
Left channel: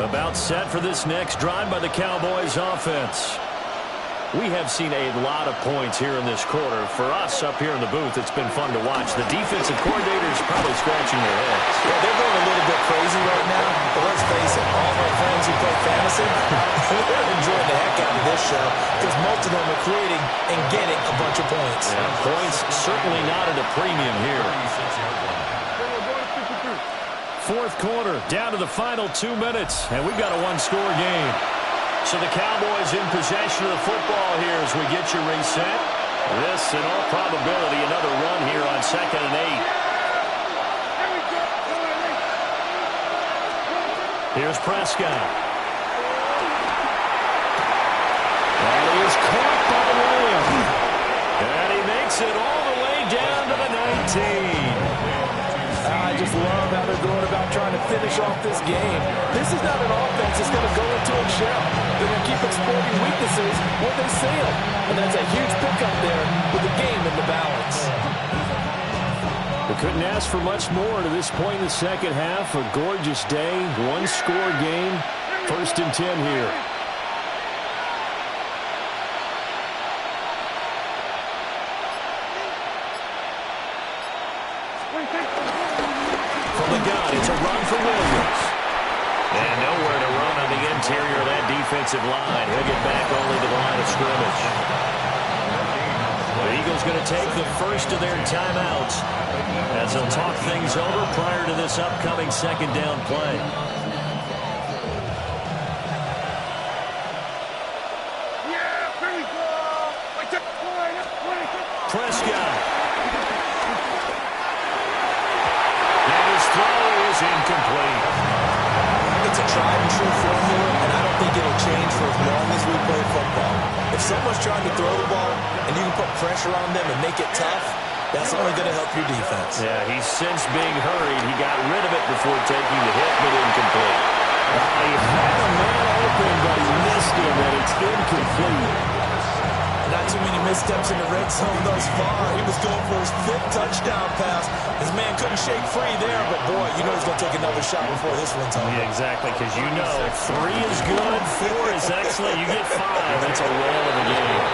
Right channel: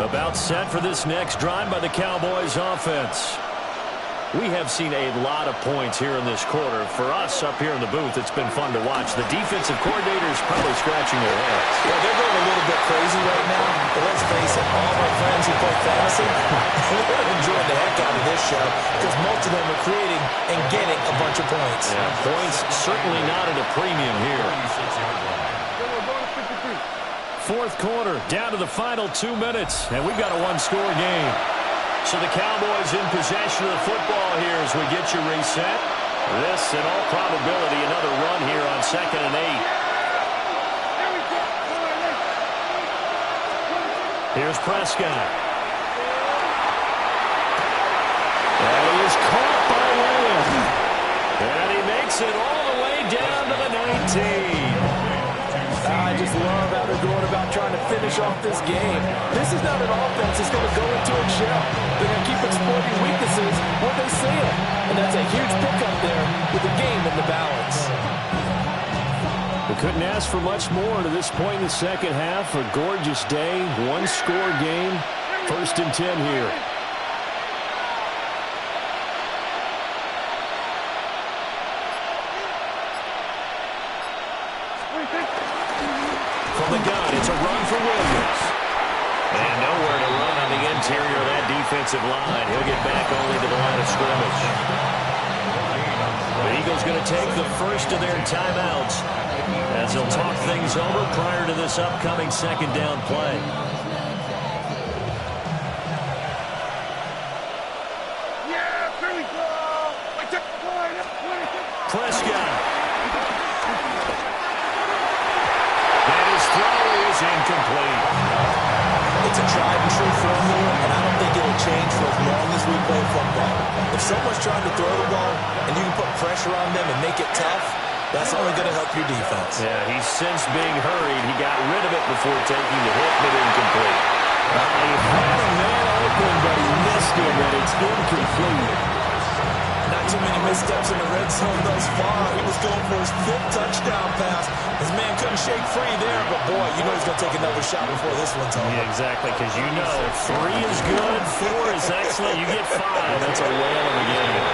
About set for this next drive by the Cowboys offense. We have seen a lot of points here in this quarter. For us up here in the booth, it's been fun to watch. The defensive coordinators probably scratching their heads. Yeah, they're going a little bit crazy right now, but let's face it, all of our friends who play fantasy, they're enjoying the heck out of this show because most of them are creating and getting a bunch of points. Yeah, points certainly not at a premium here. 4th quarter, down to the final 2 minutes, and we've got a 1-score game. So the Cowboys in possession of the football here as we get you reset. This, in all probability, another run here on 2nd and 8. Here's Prescott. And he is caught by Lamb. And he makes it all the way down to the 19. just love how they're going about trying to finish off this game. This is not an offense that's going to go into a shell. They're going to keep exploiting weaknesses where they see them. And that's a huge pickup there with the game in the balance. We couldn't ask for much more to this point in the second half. A gorgeous day, one-score game, 1st and 10 here. From the gun, it's a run for Williams. And nowhere to run on the interior of that defensive line. He'll get back only to the line of scrimmage. The Eagles going to take the first of their timeouts as they'll talk things over prior to this upcoming second down play. Yeah, here we go. Prescott. And his throw is incomplete. It's a tried-and-true formula, and I don't think it'll change for as long as we play football. If someone's trying to throw the ball and you can put pressure on them and make it tough, that's only going to help your defense. Yeah, he's since being hurried. He got rid of it before taking the hit, but incomplete. He had a man open, but he missed him, and it's incomplete. Not too many missteps in the red zone thus far. He was going for his 5th touchdown pass. His man couldn't shake free there, but boy, you know he's going to take another shot before this one's over. Yeah, exactly, because you know 3 is good, 4 is excellent, you get 5. That's a whale of a game.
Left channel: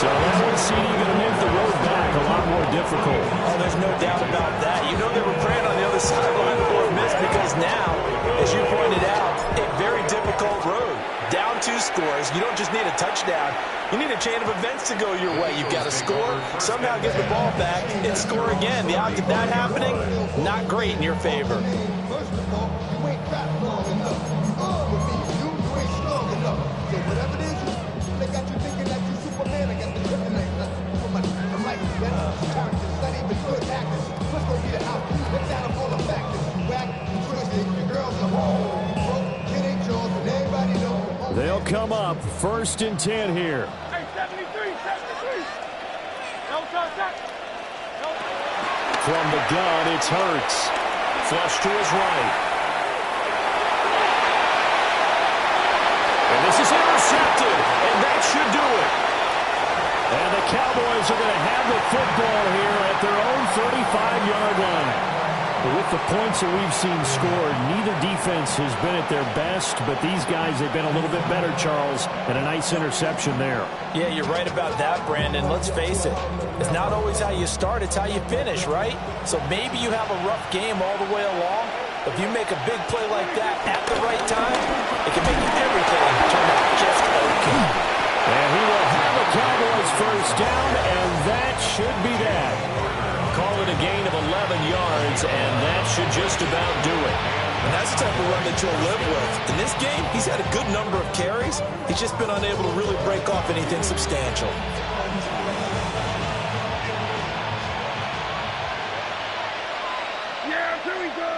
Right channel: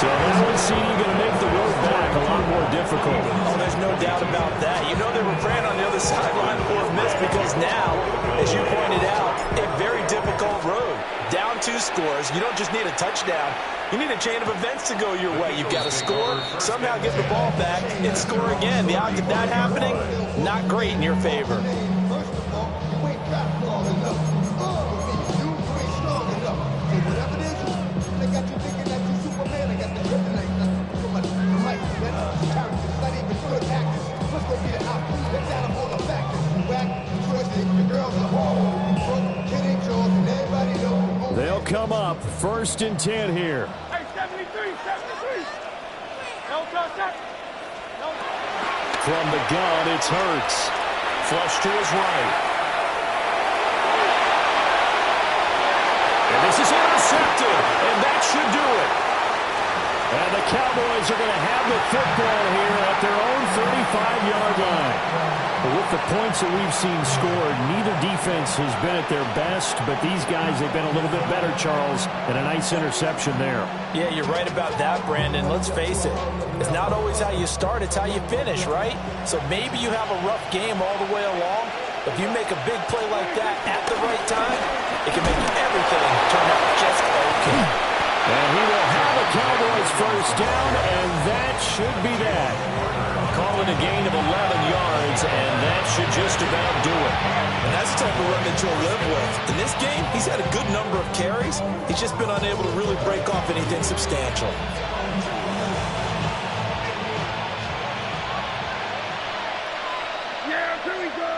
So that one, CD, going to make the road back a lot more difficult. Oh, there's no doubt about that. You know they were praying on the other sideline for a miss because now, as you pointed out, a very difficult road. Down 2 scores. You don't just need a touchdown. You need a chain of events to go your way. You've got to score, somehow get the ball back, and score again. The odds of that happening, not great in your favor. First of all, you ain't rap long enough. With me, you ain't strong enough. So whatever it is, they got you thinking that you Superman. I got the kryptonite. That's for my mic. That's characters, not even good actors. What's gonna be the outcome? Let's add up all the factors. You whack, you twisted, your girl's a hole. You broke, kid ain't yours, and everybody knows. They'll come up 1st and 10 here. Hey, 73, 73. No touch. No touch. From the gun, it's Hurts. Flush to his right. And this is intercepted, and that should do it. And the Cowboys are going to have the football here at their own 35-yard line. But with the points that we've seen scored, neither defense has been at their best, but these guys, they've been a little bit better, Charles, and a nice interception there. Yeah, you're right about that, Brandon. Let's face it. It's not always how you start, it's how you finish, right? So maybe you have a rough game all the way along. If you make a big play like that at the right time, it can make everything turn out just okay. And he will have a Cowboys first down, and that should be that. Call it a gain of 11 yards, and that should just about do it. And that's the type of run that you'll live with. In this game, he's had a good number of carries. He's just been unable to really break off anything substantial. Yeah, here we go.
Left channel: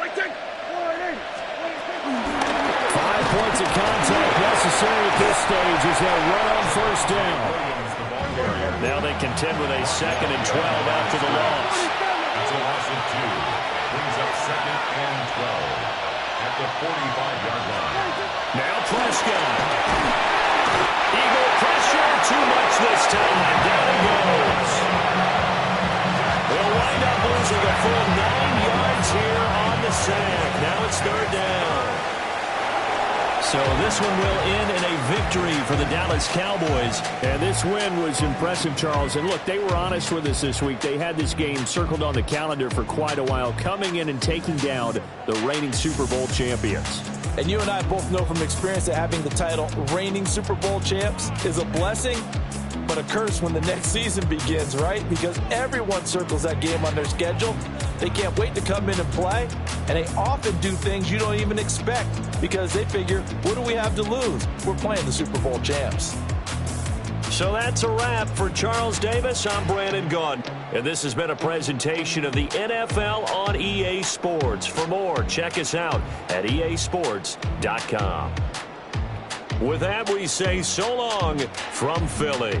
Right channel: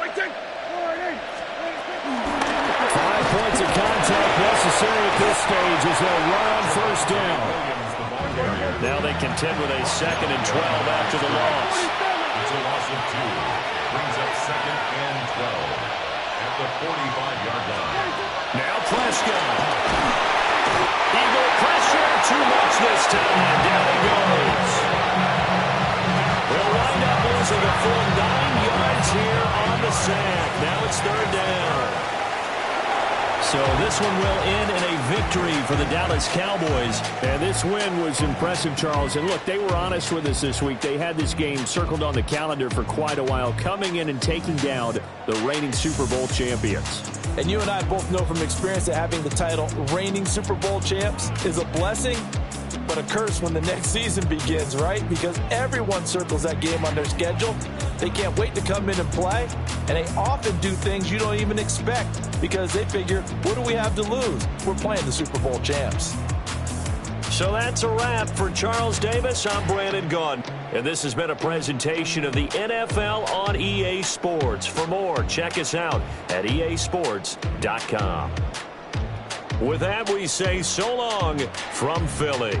I take 5 points of contact necessary at this stage as they'll run on first down. Now they contend with a 2nd and 12 after the loss. It's a loss of 2. Brings up 2nd and 12 at the 45-yard line. Now Prescott. Eagle pressure, too much this time. Down he goes. They'll wind up losing a full 9 yards here on the sack. Now it's 3rd down. So this one will end in a victory for the Dallas Cowboys. And this win was impressive, Charles. And look, they were honest with us this week. They had this game circled on the calendar for quite a while, coming in and taking down the reigning Super Bowl champions. And you and I both know from experience that having the title reigning Super Bowl champs is a blessing, but a curse when the next season begins, right? Because everyone circles that game on their schedule. They can't wait to come in and play, and they often do things you don't even expect because they figure, what do we have to lose? We're playing the Super Bowl champs. So that's a wrap for Charles Davis. I'm Brandon Gaudin. And this has been a presentation of the NFL on EA Sports. For more, check us out at easports.com. With that, we say so long from Philly.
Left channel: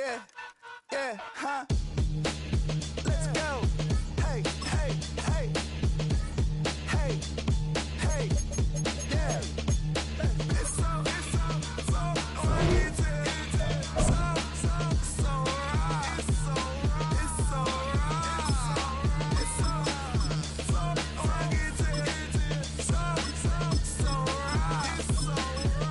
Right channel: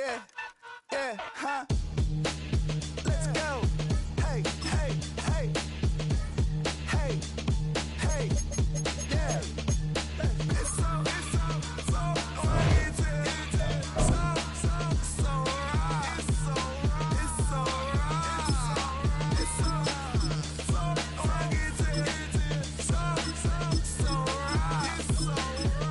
Yeah, yeah, huh? Let's go. Hey, hey, hey. Hey, hey, yeah. It's so oriented. So right. It's so right. It's so oriented. So right.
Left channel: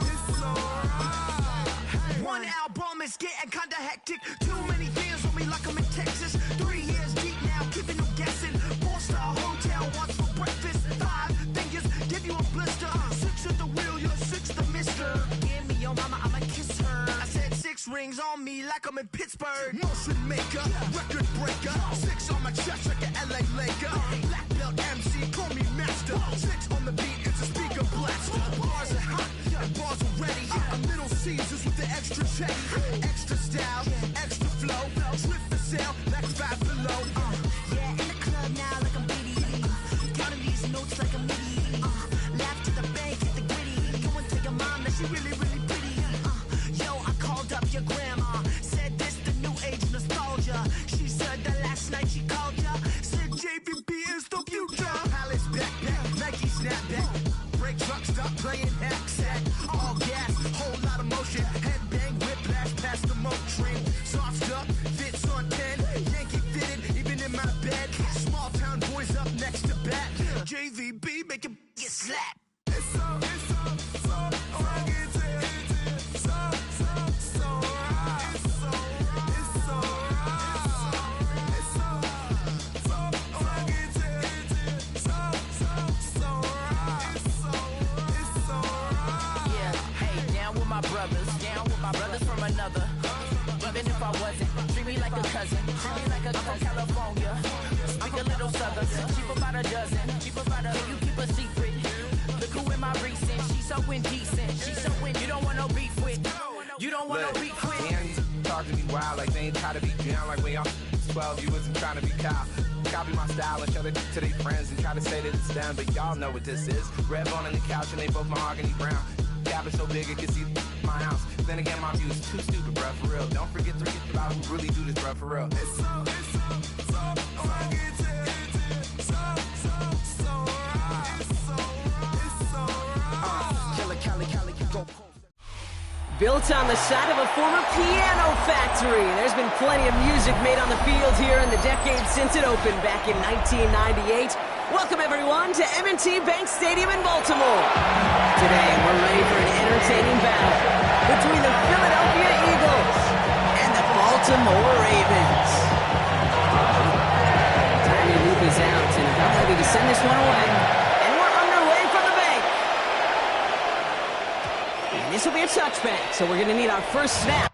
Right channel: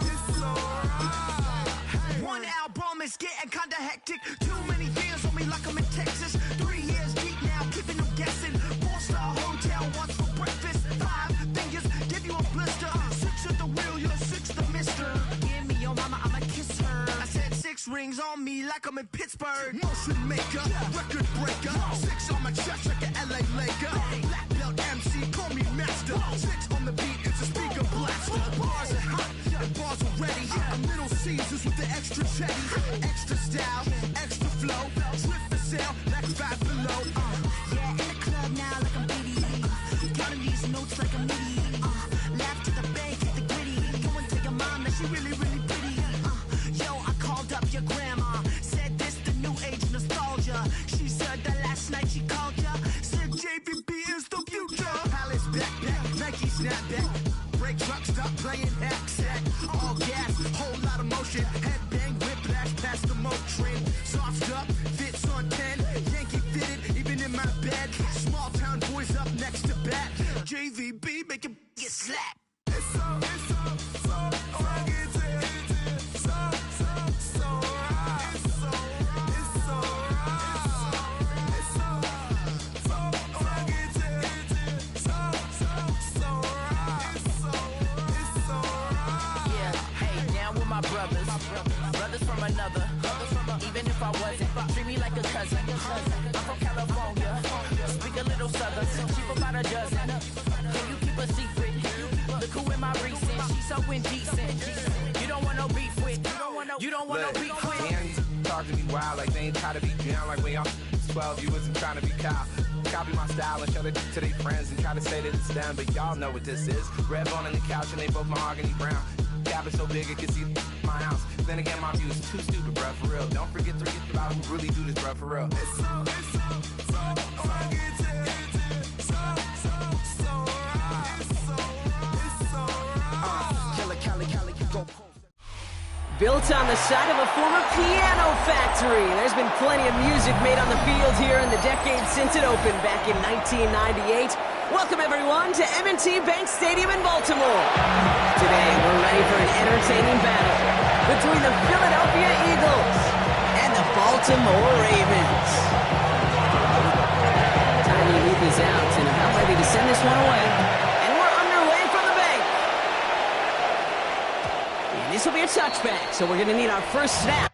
It's so right. One album is getting kinda hectic. Too many fans on me like I'm in Texas. 3 years deep now, keeping them guessing. 4-star hotel, what's for breakfast? 5 fingers, give you a blister. 6 at the wheel, you're 6 the mister. Give me your mama, I'ma kiss her. I said 6 rings on me like I'm in Pittsburgh. Motion maker, record breaker. 6 on my chest like an LA Laker. Black belt MC, call me master. 6 on the beat, it's a speaker blaster. Bars are hot, and bars are ready. A Little Caesars with the extra chetty. Extra style, extra flow. Swift for sale, next 5 below. Yeah, in the club now like I'm BDE. Counting these notes like a MIDI. Laugh to the bank, hit the gritty. Go and tell your mom that she really, really pretty. Yo, I called up your grandma. Said this the new age nostalgia. She said that last night she called ya. Said JVB is the future. Palace backpack, Nike snapback. Break truck, stop playing hack sack. All gas, whole lot of motion. Headbang, whiplash, past the moat train. Soft up, fits on 10. Yankee fitted, even in my bed. Small town boys up next to bat. JVB, make it get slapped. It's so oriented. So right. It's so right. It's so oriented. So right. It's so right. Yeah, hey, down with my brothers. Brothers from another. Even if I wasn't, treat me like a cousin. I'm from California. Speak a little southern. Cheap about a dozen. Can you keep a secret? Look who in my recent. She's so indecent. You don't want no beef with. You don't want no beef with. Man, talk to me wild like they ain't try to be down like when y'all 12, you wasn't trying to be Kyle. Copy my style and show it to their friends and try to say that it's done, but y'all know what this is. Red bone on the couch and they both mahogany brown. Cabin so big it can see my house. Then again, my view is too stupid, bruh, for real. Don't forget to get about who really do this, bruh, for real. It's so oriented. So right. It's so right. Killer Cali, go. Built on the side of a former piano factory, there's been plenty of music made on the field here in the decade since it opened back in 1998. Welcome, everyone, to M&T Bank Stadium in Baltimore. Today, we're ready for an entertaining battle between the Philadelphia Eagles and the Baltimore Ravens. Timely leap is out and about ready to send this one away. And we're underway from the bank. And this will be a touchback, so we're going to need our first snap.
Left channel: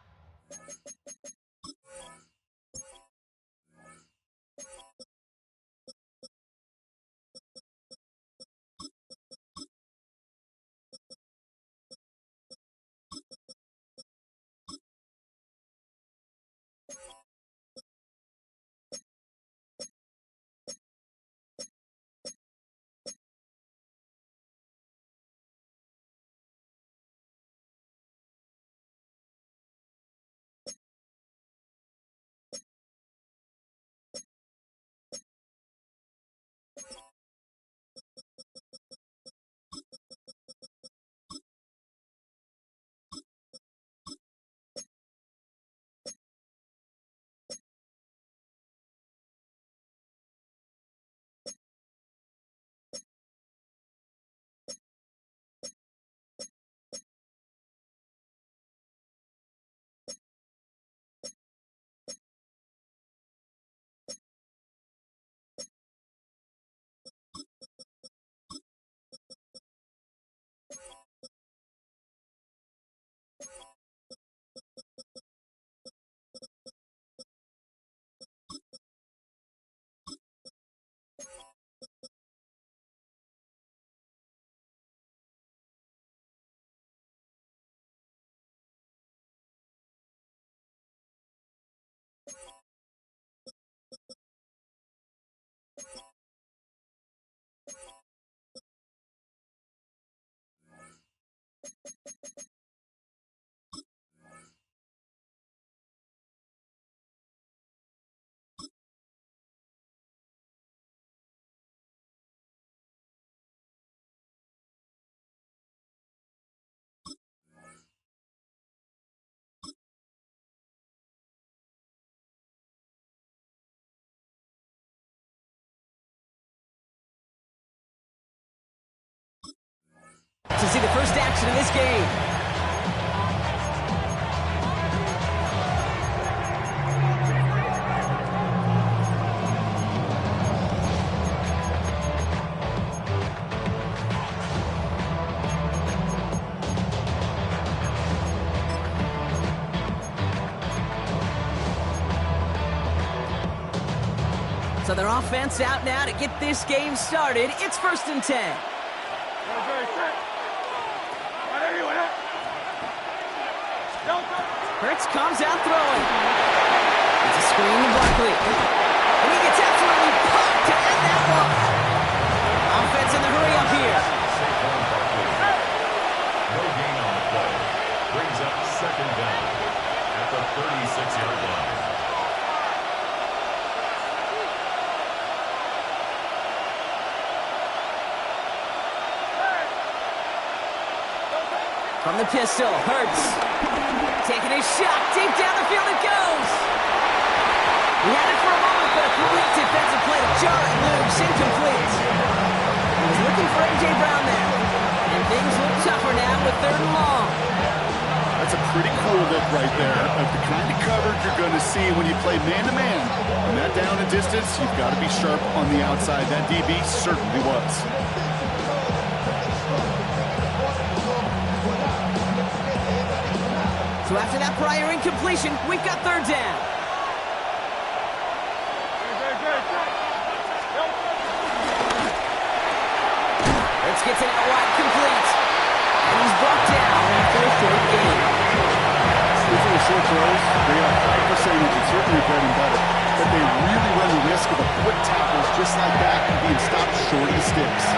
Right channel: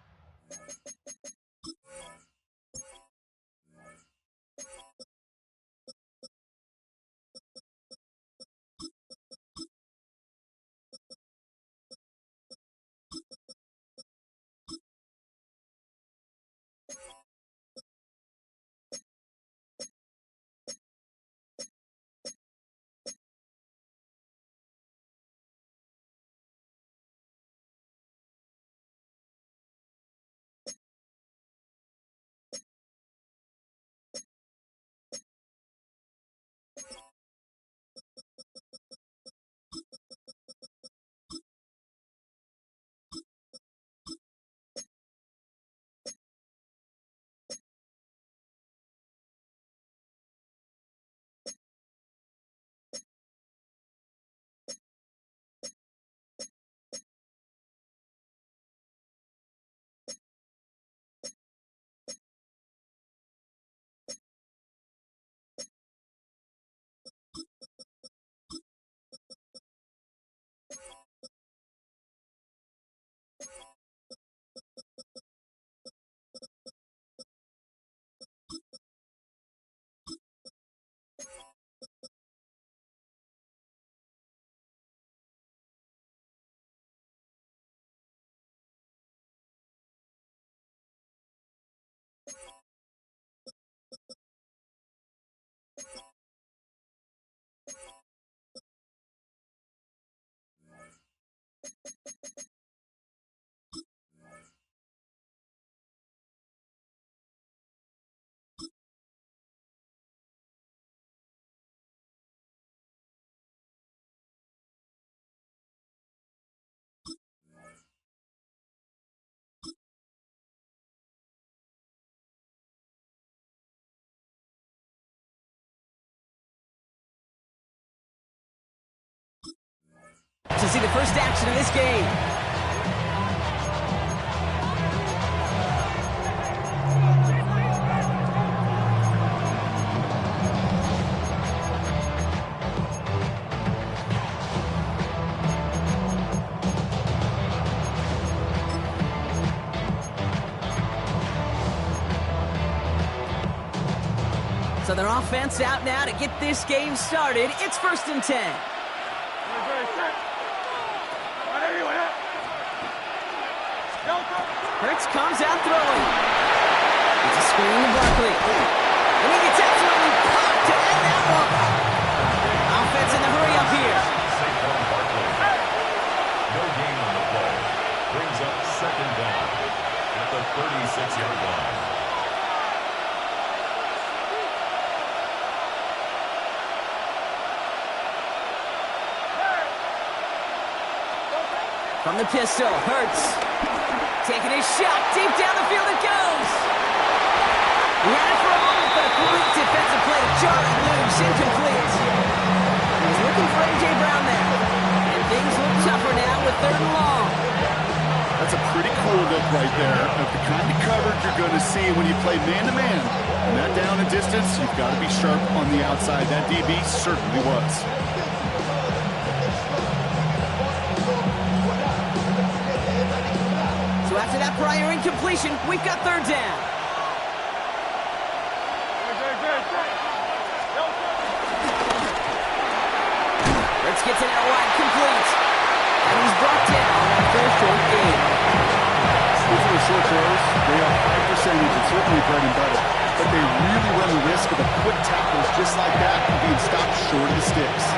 to see the first action of this game. So their offense out now to get this game started. It's 1st and 10. Hurts comes out throwing. It's a screen to Barkley. And he gets absolutely popped to end that one. Offense in the hurry up here. Saquon Barkley. No gain on the play. Brings up 2nd down at the 36-yard line. From the pistol, Hurts. Taking a shot, deep down the field it goes. He had it for a moment, but a great defensive play to jar it loose, incomplete. He was looking for A.J. Brown there. And things look tougher now with 3rd and long. That's a pretty cool look right there of the kind of coverage you're going to see when you play man-to-man. And that down and distance, you've got to be sharp on the outside. That DB certainly was. So after that prior incompletion, we've got 3rd down. Hurts gets it out wide, complete. And he's brought down after a short gain. These are the short throws. They are high percentage and certainly bread and butter. But they really run the risk of a quick tackle just like that and being stopped short of the sticks.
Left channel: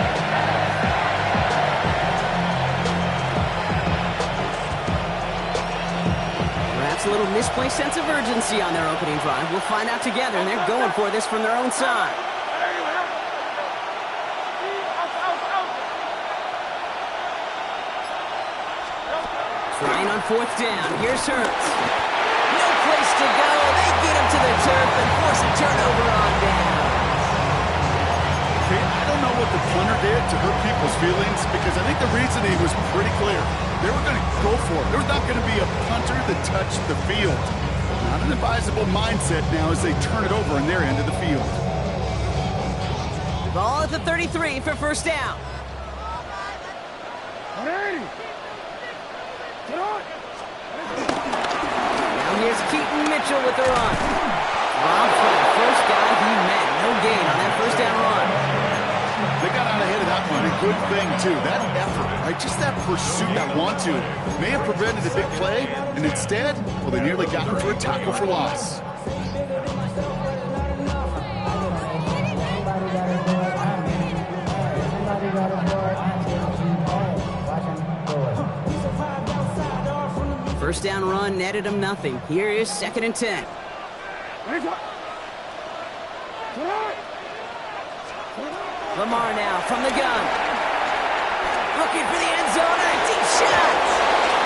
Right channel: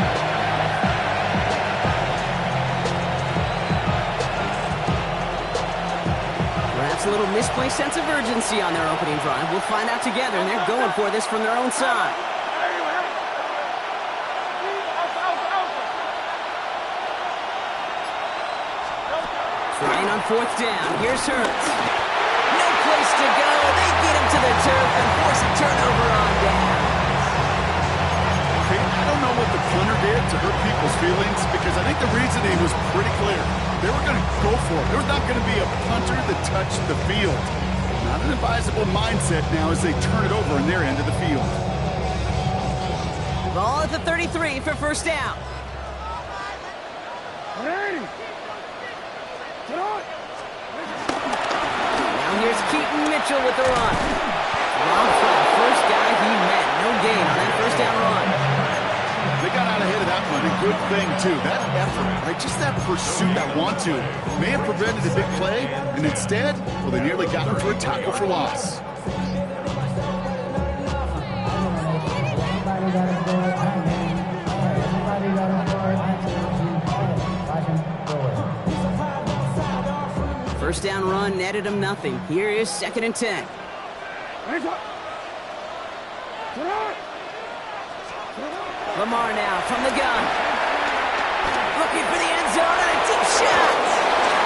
Perhaps a little misplaced sense of urgency on their opening drive. We'll find out together, and they're going for this from their own side. Trying on 4th down. Here's Hurts. No place to go. They get him to the turf and force a turnover on down. Okay, I don't know what the punter did to hurt people's feelings because I think the reasoning was pretty clear. They were going to go for it. There was not going to be a punter that touched the field. Not an advisable mindset now as they turn it over in their end of the field. Ball at the 33 for 1st down. Now here's Keaton Mitchell with the run. Rob Flat, first guy he met. No gain on that 1st down run. They got out ahead of that one. A good thing, too. That effort, right? Just that pursuit, that want to, may have prevented a big play, and instead, well, they nearly got him for a tackle for loss. First down run netted him nothing. Here is 2nd and 10. Lamar now from the gun. Looking for the end zone and a deep shot.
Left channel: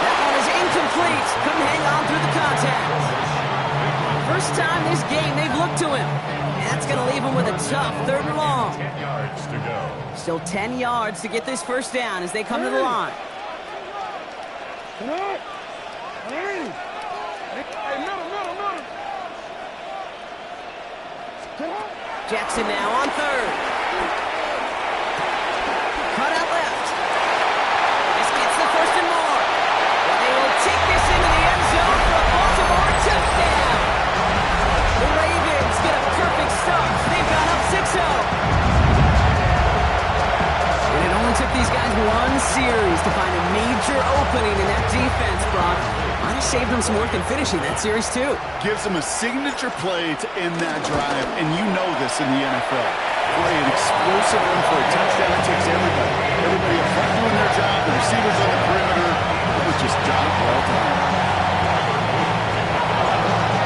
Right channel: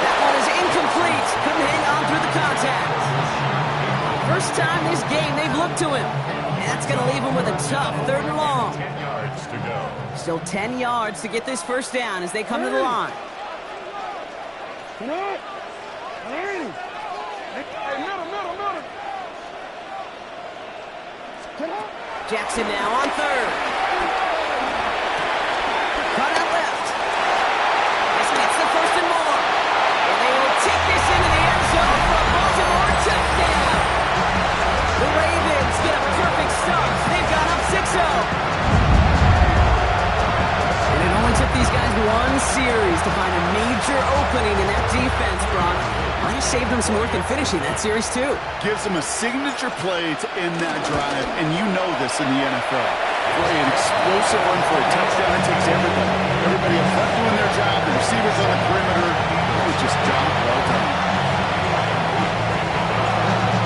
That one is incomplete. Couldn't hang on through the contact. First time this game they've looked to him. And that's going to leave him with a tough 3rd and long. 10 yards to go. Still 10 yards to get this 1st down as they come to the line. Jackson now on 3rd. Cut out left. This gets the 1st and more. And they will take this into the end zone for a Baltimore touchdown. The Ravens get a perfect start. They've gone up 6-0. And it only took these guys one series to find a major opening in that defense, Brock. Might have saved them some work in finishing that series, too. Gives them a signature play to end that drive, and you know this in the NFL. For an explosive run for a touchdown, it takes everybody. Everybody up front doing their job, the receivers on the perimeter. It was just job well done.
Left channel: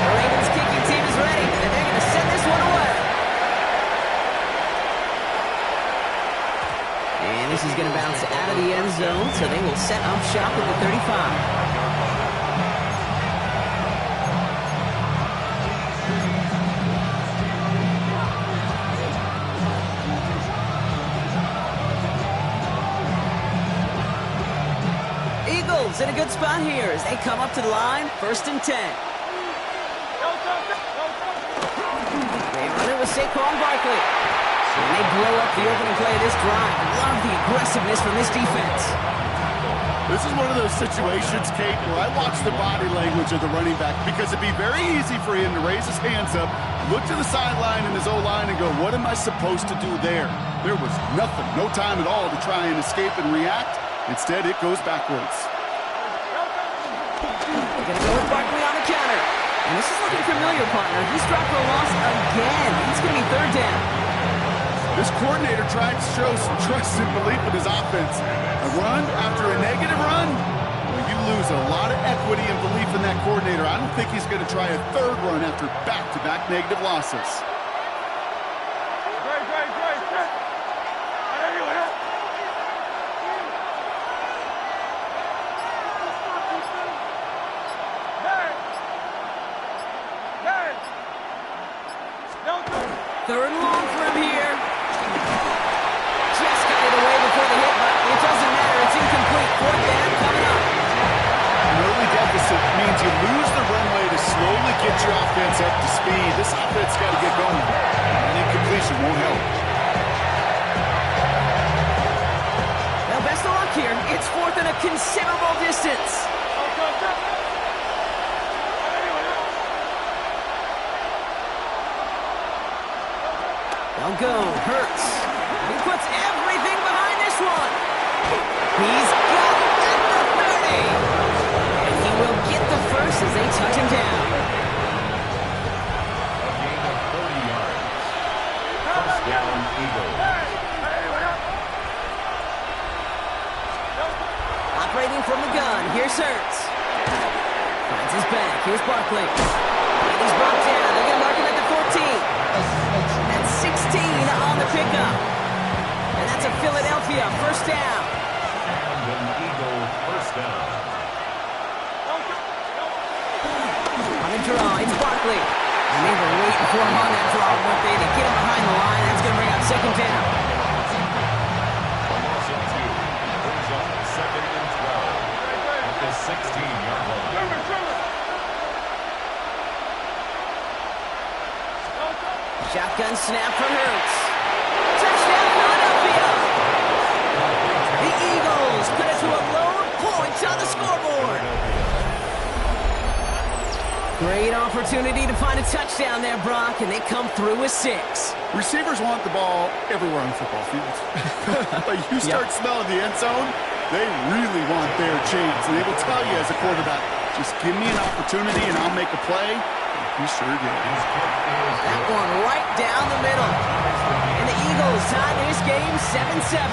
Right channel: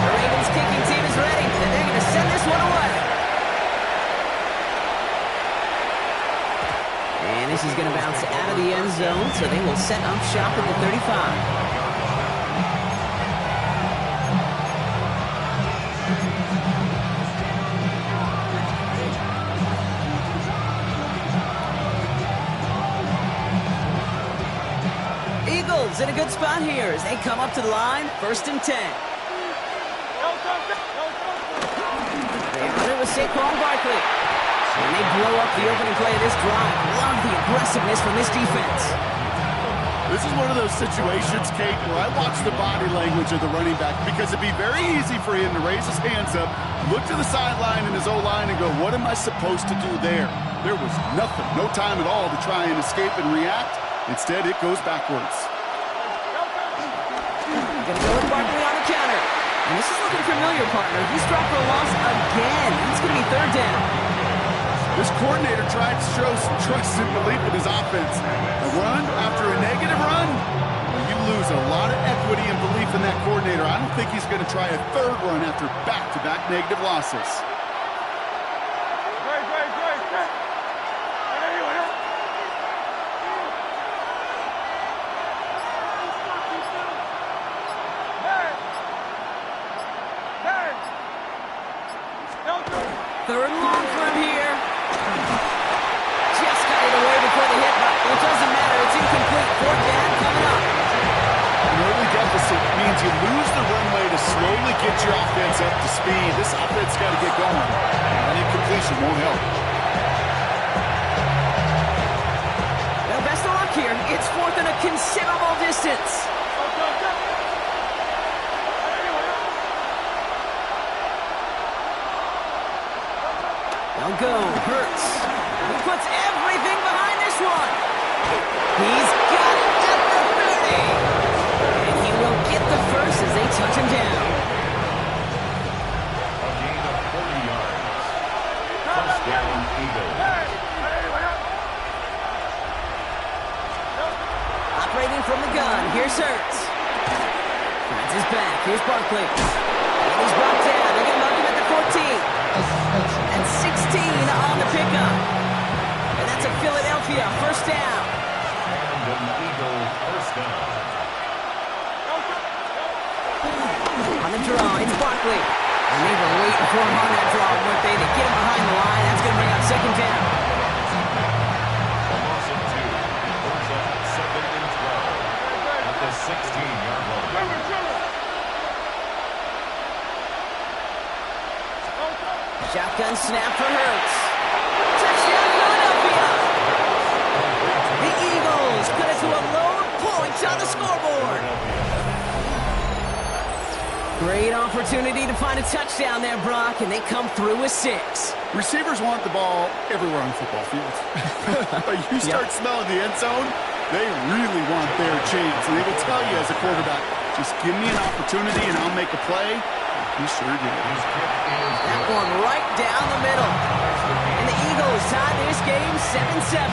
The Ravens kicking team is ready, and they're going to send this one away. And this is going to bounce out of the end zone, so they will set up shop at the 35. themselves in a good spot here as they come up to the line, 1st and 10. They run it with Saquon Barkley. And they blow up the opening play of this drive. Love the aggressiveness from this defense. This is one of those situations, Kate, where I watch the body language of the running back because it'd be very easy for him to raise his hands up, look to the sideline in his O-line and go, what am I supposed to do there? There was nothing, no time at all to try and escape and react. Instead, it goes backwards. They're going to go with Barkley on the counter. And this is looking familiar, partner. He's dropped for a loss again. It's going to be 3rd down. This coordinator tried to show some trust and belief in his offense. A run after a negative run? Well, you lose a lot of equity and belief in that coordinator. I don't think he's going to try a 3rd run after back-to-back negative losses. Third and long for him here. Just got it away before the hit, but it doesn't matter. It's incomplete. 4th down coming up. An early deficit means you lose the runway to slowly get your offense up to speed. This offense got to get going. An incompletion won't help. Well, best of luck here. It's 4th and a considerable distance. They'll go. Hurts. He puts everything behind this one. He's got it at the 30. And he will get the first as they touch him down. A gain of 40 yards. 1st down, Eagles. Operating from the gun. Here's Hurts. Finds his back. Here's Barkley. And he's brought down. They're going to mark him at the 14. And 16 on the pickup. And that's a Philadelphia 1st down. And an Eagle 1st down. On the draw, it's Barkley. And they were waiting for him on that draw, weren't they? To get him behind the line. That's going to bring up 2nd down. A loss of 2. Brings up 2nd and 12. At the 16-yard line. Shotgun snap for Hurts. Touchdown, Philadelphia! The Eagles cut it to a load point on the scoreboard. Great opportunity to find a touchdown there, Brock, and they come through with 6. Receivers want the ball everywhere on the football field. But you start smelling the end zone, they really want their chance. And they will tell you as a quarterback, just give me an opportunity and I'll make a play. He sure did. That one right down the middle. And the Eagles tie this game 7-7.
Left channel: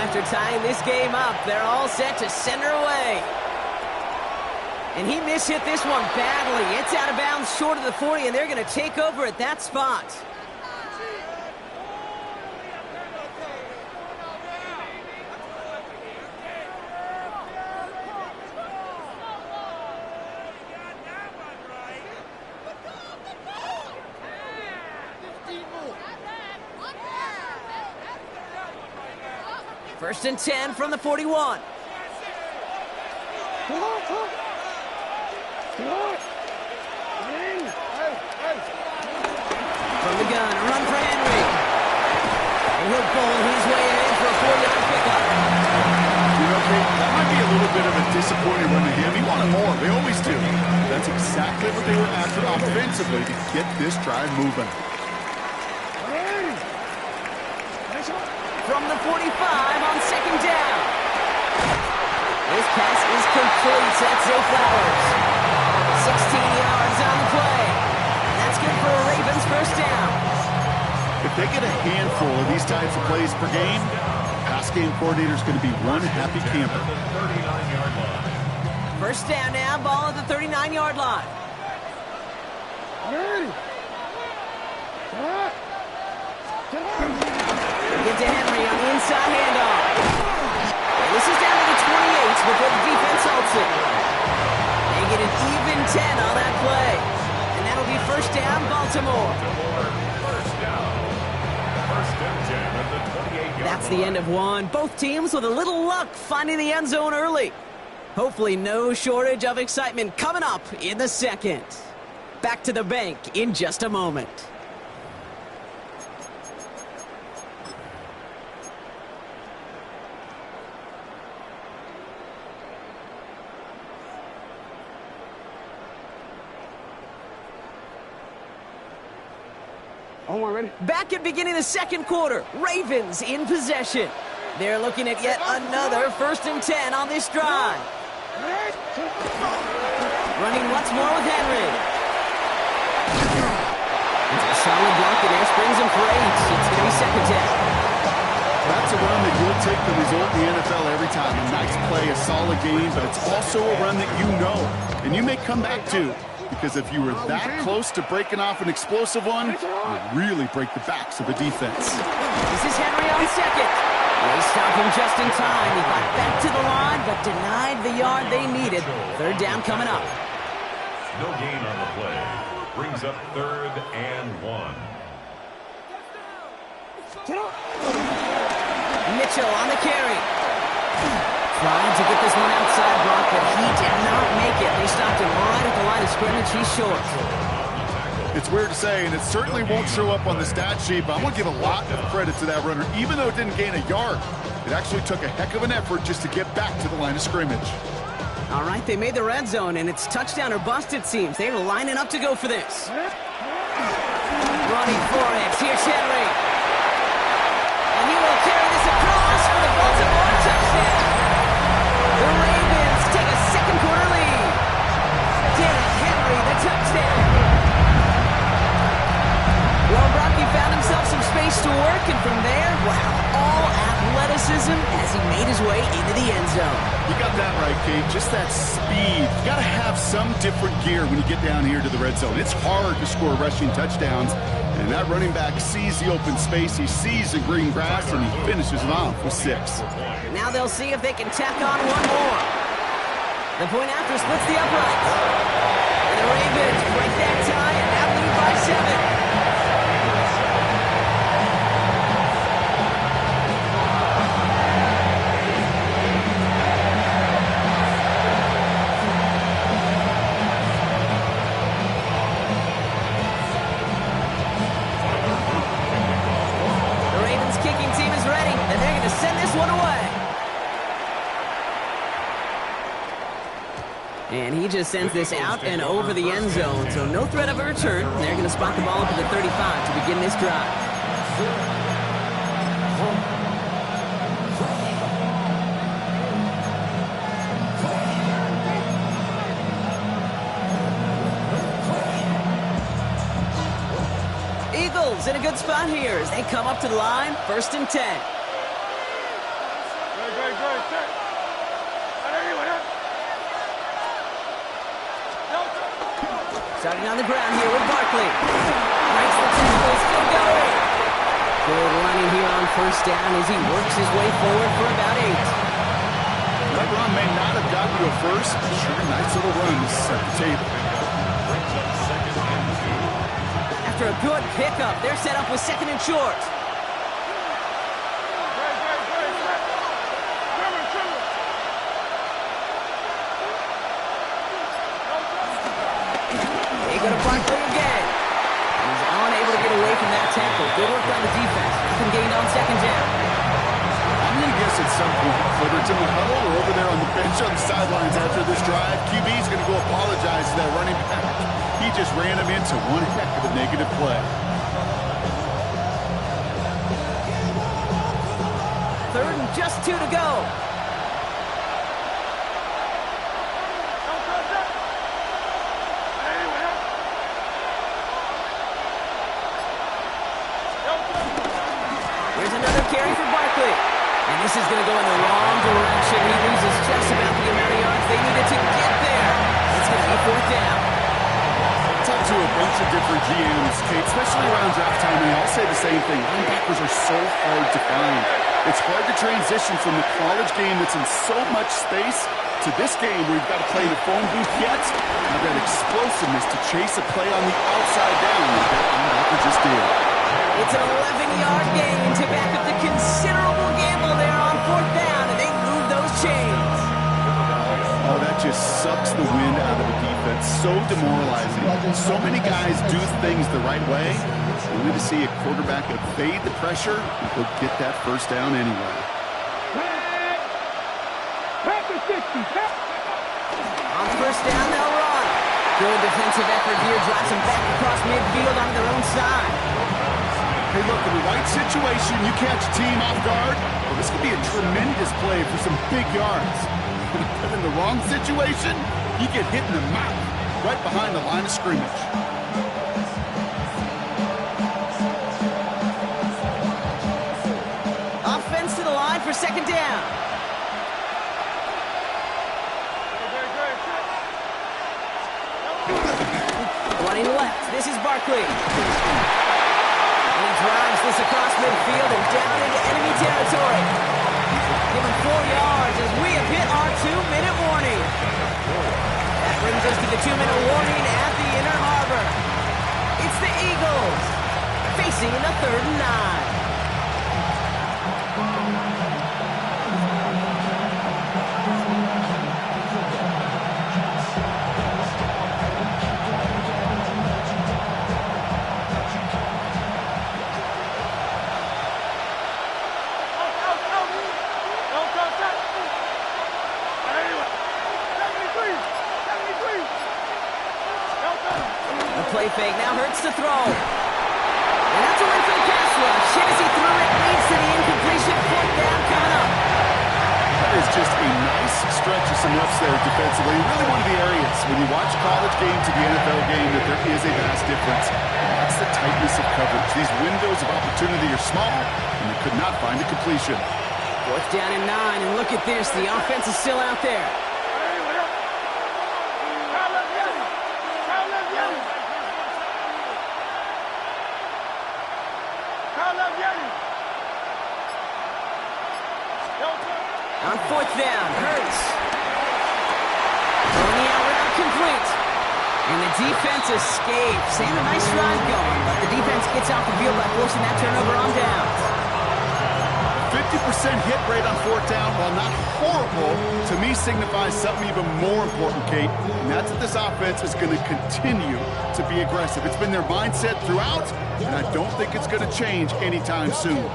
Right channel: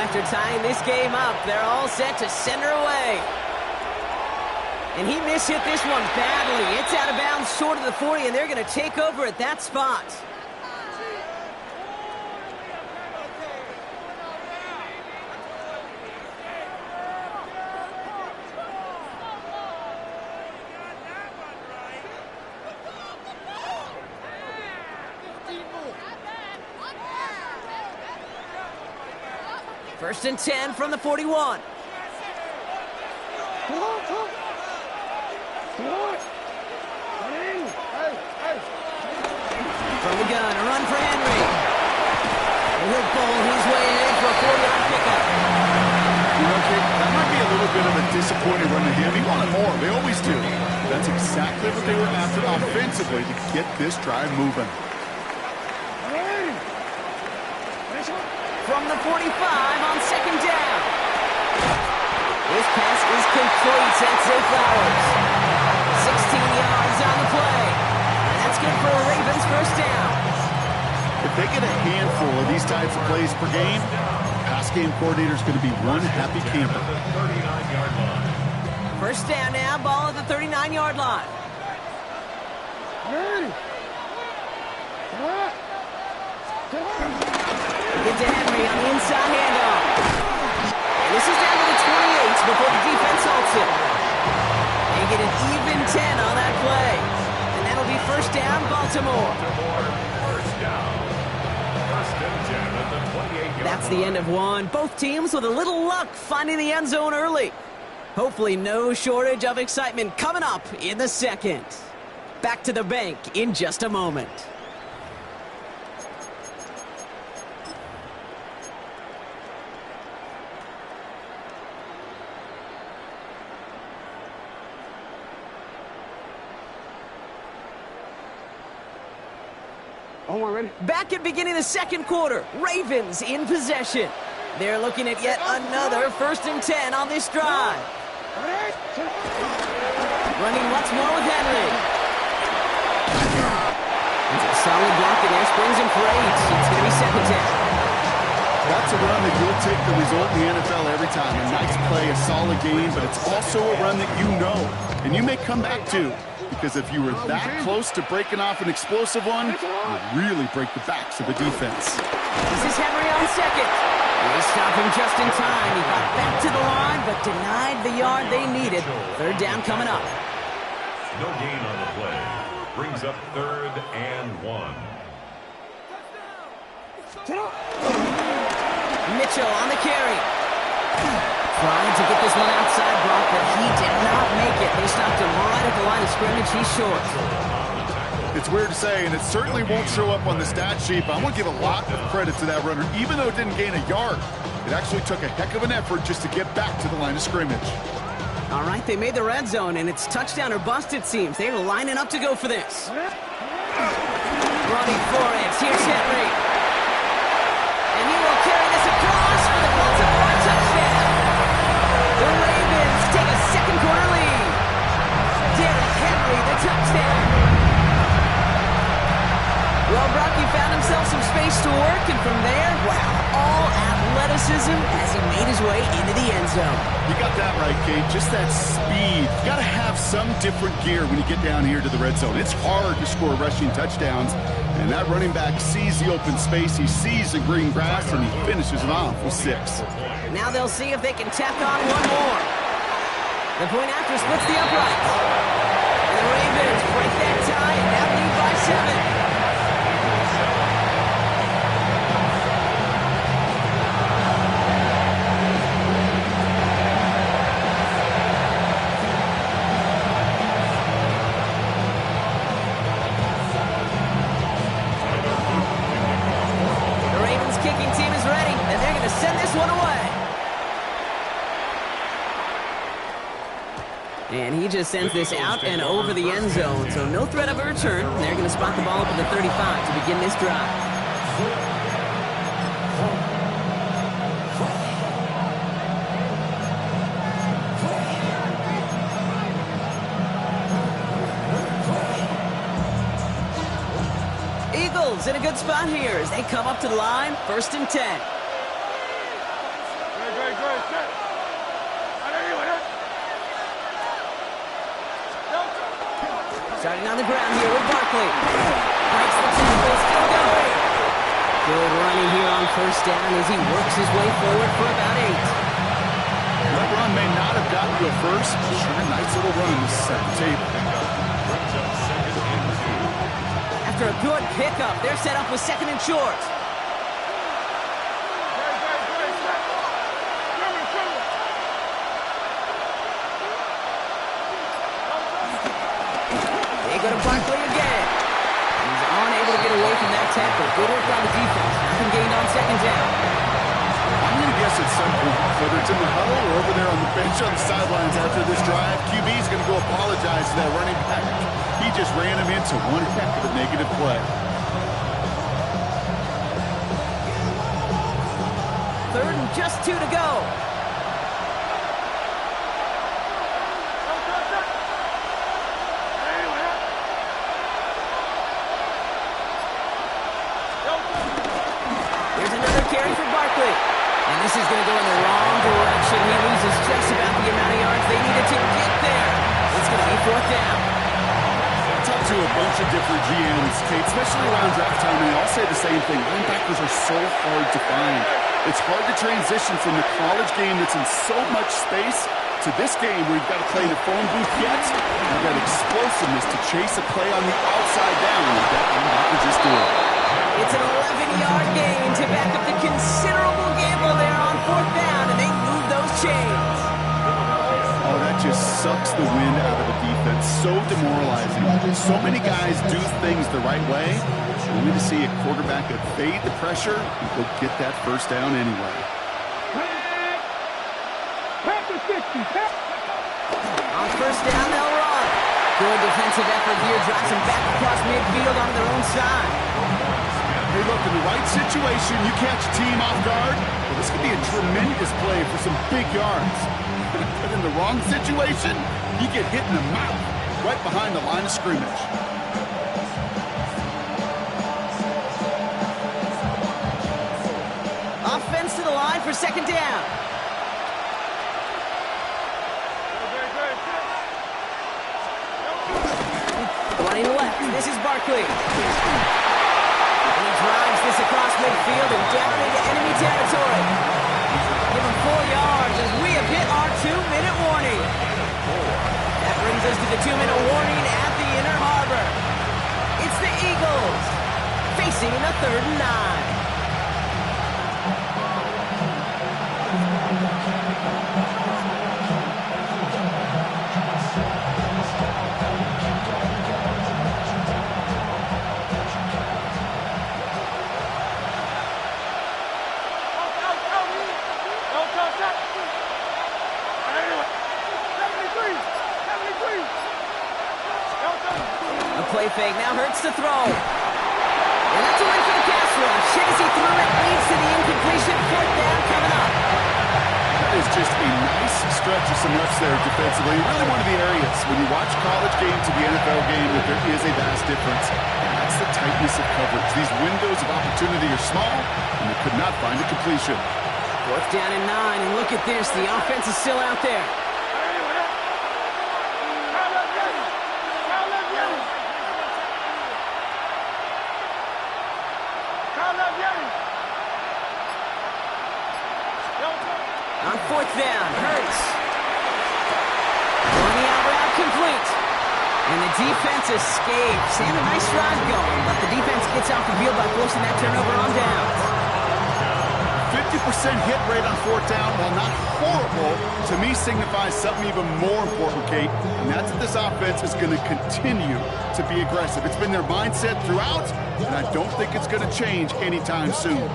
After tying this game up, they're all set to send her away. And he mishit this one badly. It's out of bounds short of the 40, and they're going to take over at that spot. First and 10 from the 41. From the gun, a run for Henry. And he'll bowl his way ahead for a 4-yard pickup. You know, Kate, that might be a little bit of a disappointing run to him. He wanted more. They always do. That's exactly what they were after offensively to get this drive moving. From the 45 on 2nd down. This pass is complete. That's Zay Flowers. 16 yards on the play. And that's That's good for a Ravens first down. If they get a handful of these types of plays per game, pass game coordinator is going to be one happy camper. 39-yard line. First down now, ball at the 39-yard line. Ready. Get to Henry on the inside handoff. And this is down to the 28 before the defense halts it. They get an even 10 on that play. And that'll be first down, Baltimore. First down. First and 10 at the 28-yard line. That's the end of one. Both teams with a little luck finding the end zone early. Hopefully no shortage of excitement coming up in the second. Back to the bank in just a moment. Oh, ready? Back at beginning of the second quarter, Ravens in possession. They're looking at yet another first and 10 on this drive. Running once more with Henry. It's a solid block in there, springs him for 8. It's going to be second down. That's a run that you'll take the result in the NFL every time. A nice play, a solid game, but it's also a run that you know, and you may come back to. Because if you were that close to breaking off an explosive one, you'd really break the backs of the defense. This is Henry on second. They stop him just in time. He got back to the line, but denied the yard they needed. Third down coming up. No gain on the play. Brings up 3rd and 1. Mitchell on the carry. Trying to get this one outside Brock, but he did not make it. They stopped him right at the line of scrimmage. He's short. It's weird to say, and it certainly won't show up on the stat sheet, but I want to give a lot of credit to that runner. Even though it didn't gain a yard, it actually took a heck of an effort just to get back to the line of scrimmage. All right, they made the red zone, and it's touchdown or bust, it seems. They're lining up to go for this. Running for it. Here's Henry. And he will carry this across for the Baltimore touchdown. The Ravens take a second quarter lead. Derrick Henry, the touchdown. Well, Brock, he found himself some space to work, and from there, wow, all athleticism as he made his way into the end zone. You got that right, Kate. Just that speed. You got to have some different gear when you get down here to the red zone. It's hard to score rushing touchdowns, and that running back sees the open space, he sees the green grass, and he finishes it off with 6. Now they'll see if they can tack on one more. The point after splits the uprights. And the Ravens break that tie and now lead by 7. The Ravens kicking team is ready, and they're going to send this one away. And he just sends this out and over the end zone, so no threat of a return. They're going to spot the ball up at the 35 to begin this drive. Eagles in a good spot here as they come up to the line, 1st and 10. Starting on the ground here with Barkley. Breaks the tackle, still going. Good running here on first down as he works his way forward for about 8. That run may not have gotten you a first, but sure, nice little run to set the table. Brings up 2nd and 2. After a good pickup, they're set up with 2nd and short. They go to Barkley again. He's unable to get away from that tackle. Good work on the defense. Nothing gained on 2nd down. I'm going to guess at some point, whether it's in the huddle or over there on the bench on the sidelines after this drive, QB is going to go apologize to that running back. He just ran him into one heck of a negative play. 3rd and just 2 to go. Barkley. And this is going to go in the wrong direction. He loses just about the amount of yards they needed to get there. It's going to be 4th down. Talk to a bunch of different GMs, Kate, especially around draft time, and they all say the same thing. Linebackers are so hard to find. It's hard to transition from the college game that's in so much space to this game where you've got to play in a phone booth yet. I've got explosiveness to chase a play on the outside down like that linebacker just did. It's an 11-yard gain to back up the considerable gamble there on 4th down, and they move those chains. Oh, that just sucks the wind out of the defense. So demoralizing. So many guys do things the right way, only to see a quarterback evade the pressure and go get that 1st down anyway. On 1st down, they'll run. Good defensive effort here, drives them back across midfield on their own side. Hey, look, in the right situation, you catch a team off guard. Well, this could be a tremendous play for some big yards. But in the wrong situation, you get hit in the mouth right behind the line of scrimmage. Offense to the line for 2nd down. Running left, this is Barkley. And he drives this across midfield and down into enemy territory. Give him 4 yards as we have hit our 2-minute warning. That brings us to the 2-minute warning at the inner harbor. It's the Eagles facing a 3rd and 9. A play fake now hurts to throw. And that's a win for the pass rush. Hit as he threw it, leads to the incompletion. 4th down coming up. That is just a nice stretch of some reps there defensively. Really one of the areas when you watch college game to the NFL game that there is a vast difference. And that's the tightness of coverage. These windows of opportunity are small, and they could not find a completion. 4th down and 9, and look at this. The offense is still out there. On 4th down, Hurts. Throwing the out route complete. And the defense escapes. And a nice drive going, but the defense gets off the field by forcing that turnover on downs. 50% hit rate on 4th down, while not horrible, to me signifies something even more important, Kate, and that's that this offense is going to continue to be aggressive. It's been their mindset throughout, and I don't think it's going to change anytime soon.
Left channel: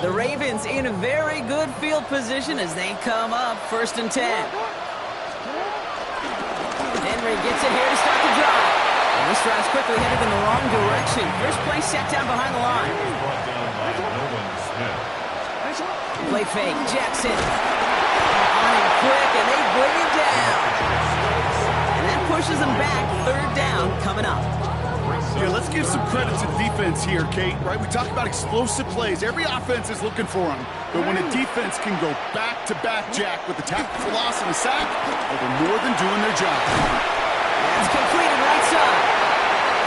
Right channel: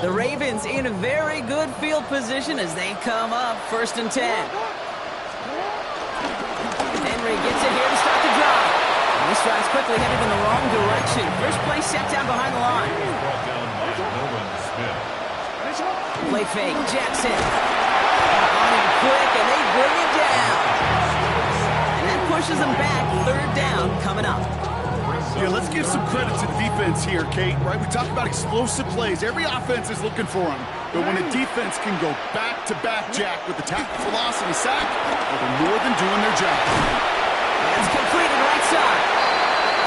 The Ravens in a very good field position as they come up 1st and 10. Henry gets it here to start the drive. And this drive's quickly headed in the wrong direction. First play set down behind the line. Brought down by Nolan Smith. Play fake, Jackson. On him quick, and they bring him down. And that pushes them back. 3rd down coming up. Yeah, let's give some credit to the defense here, Kate, right? We talk about explosive plays. Every offense is looking for them. But when a defense can go back-to-back, Jack, with the tackle for loss and a sack, well, they're more than doing their job. That's completed right side.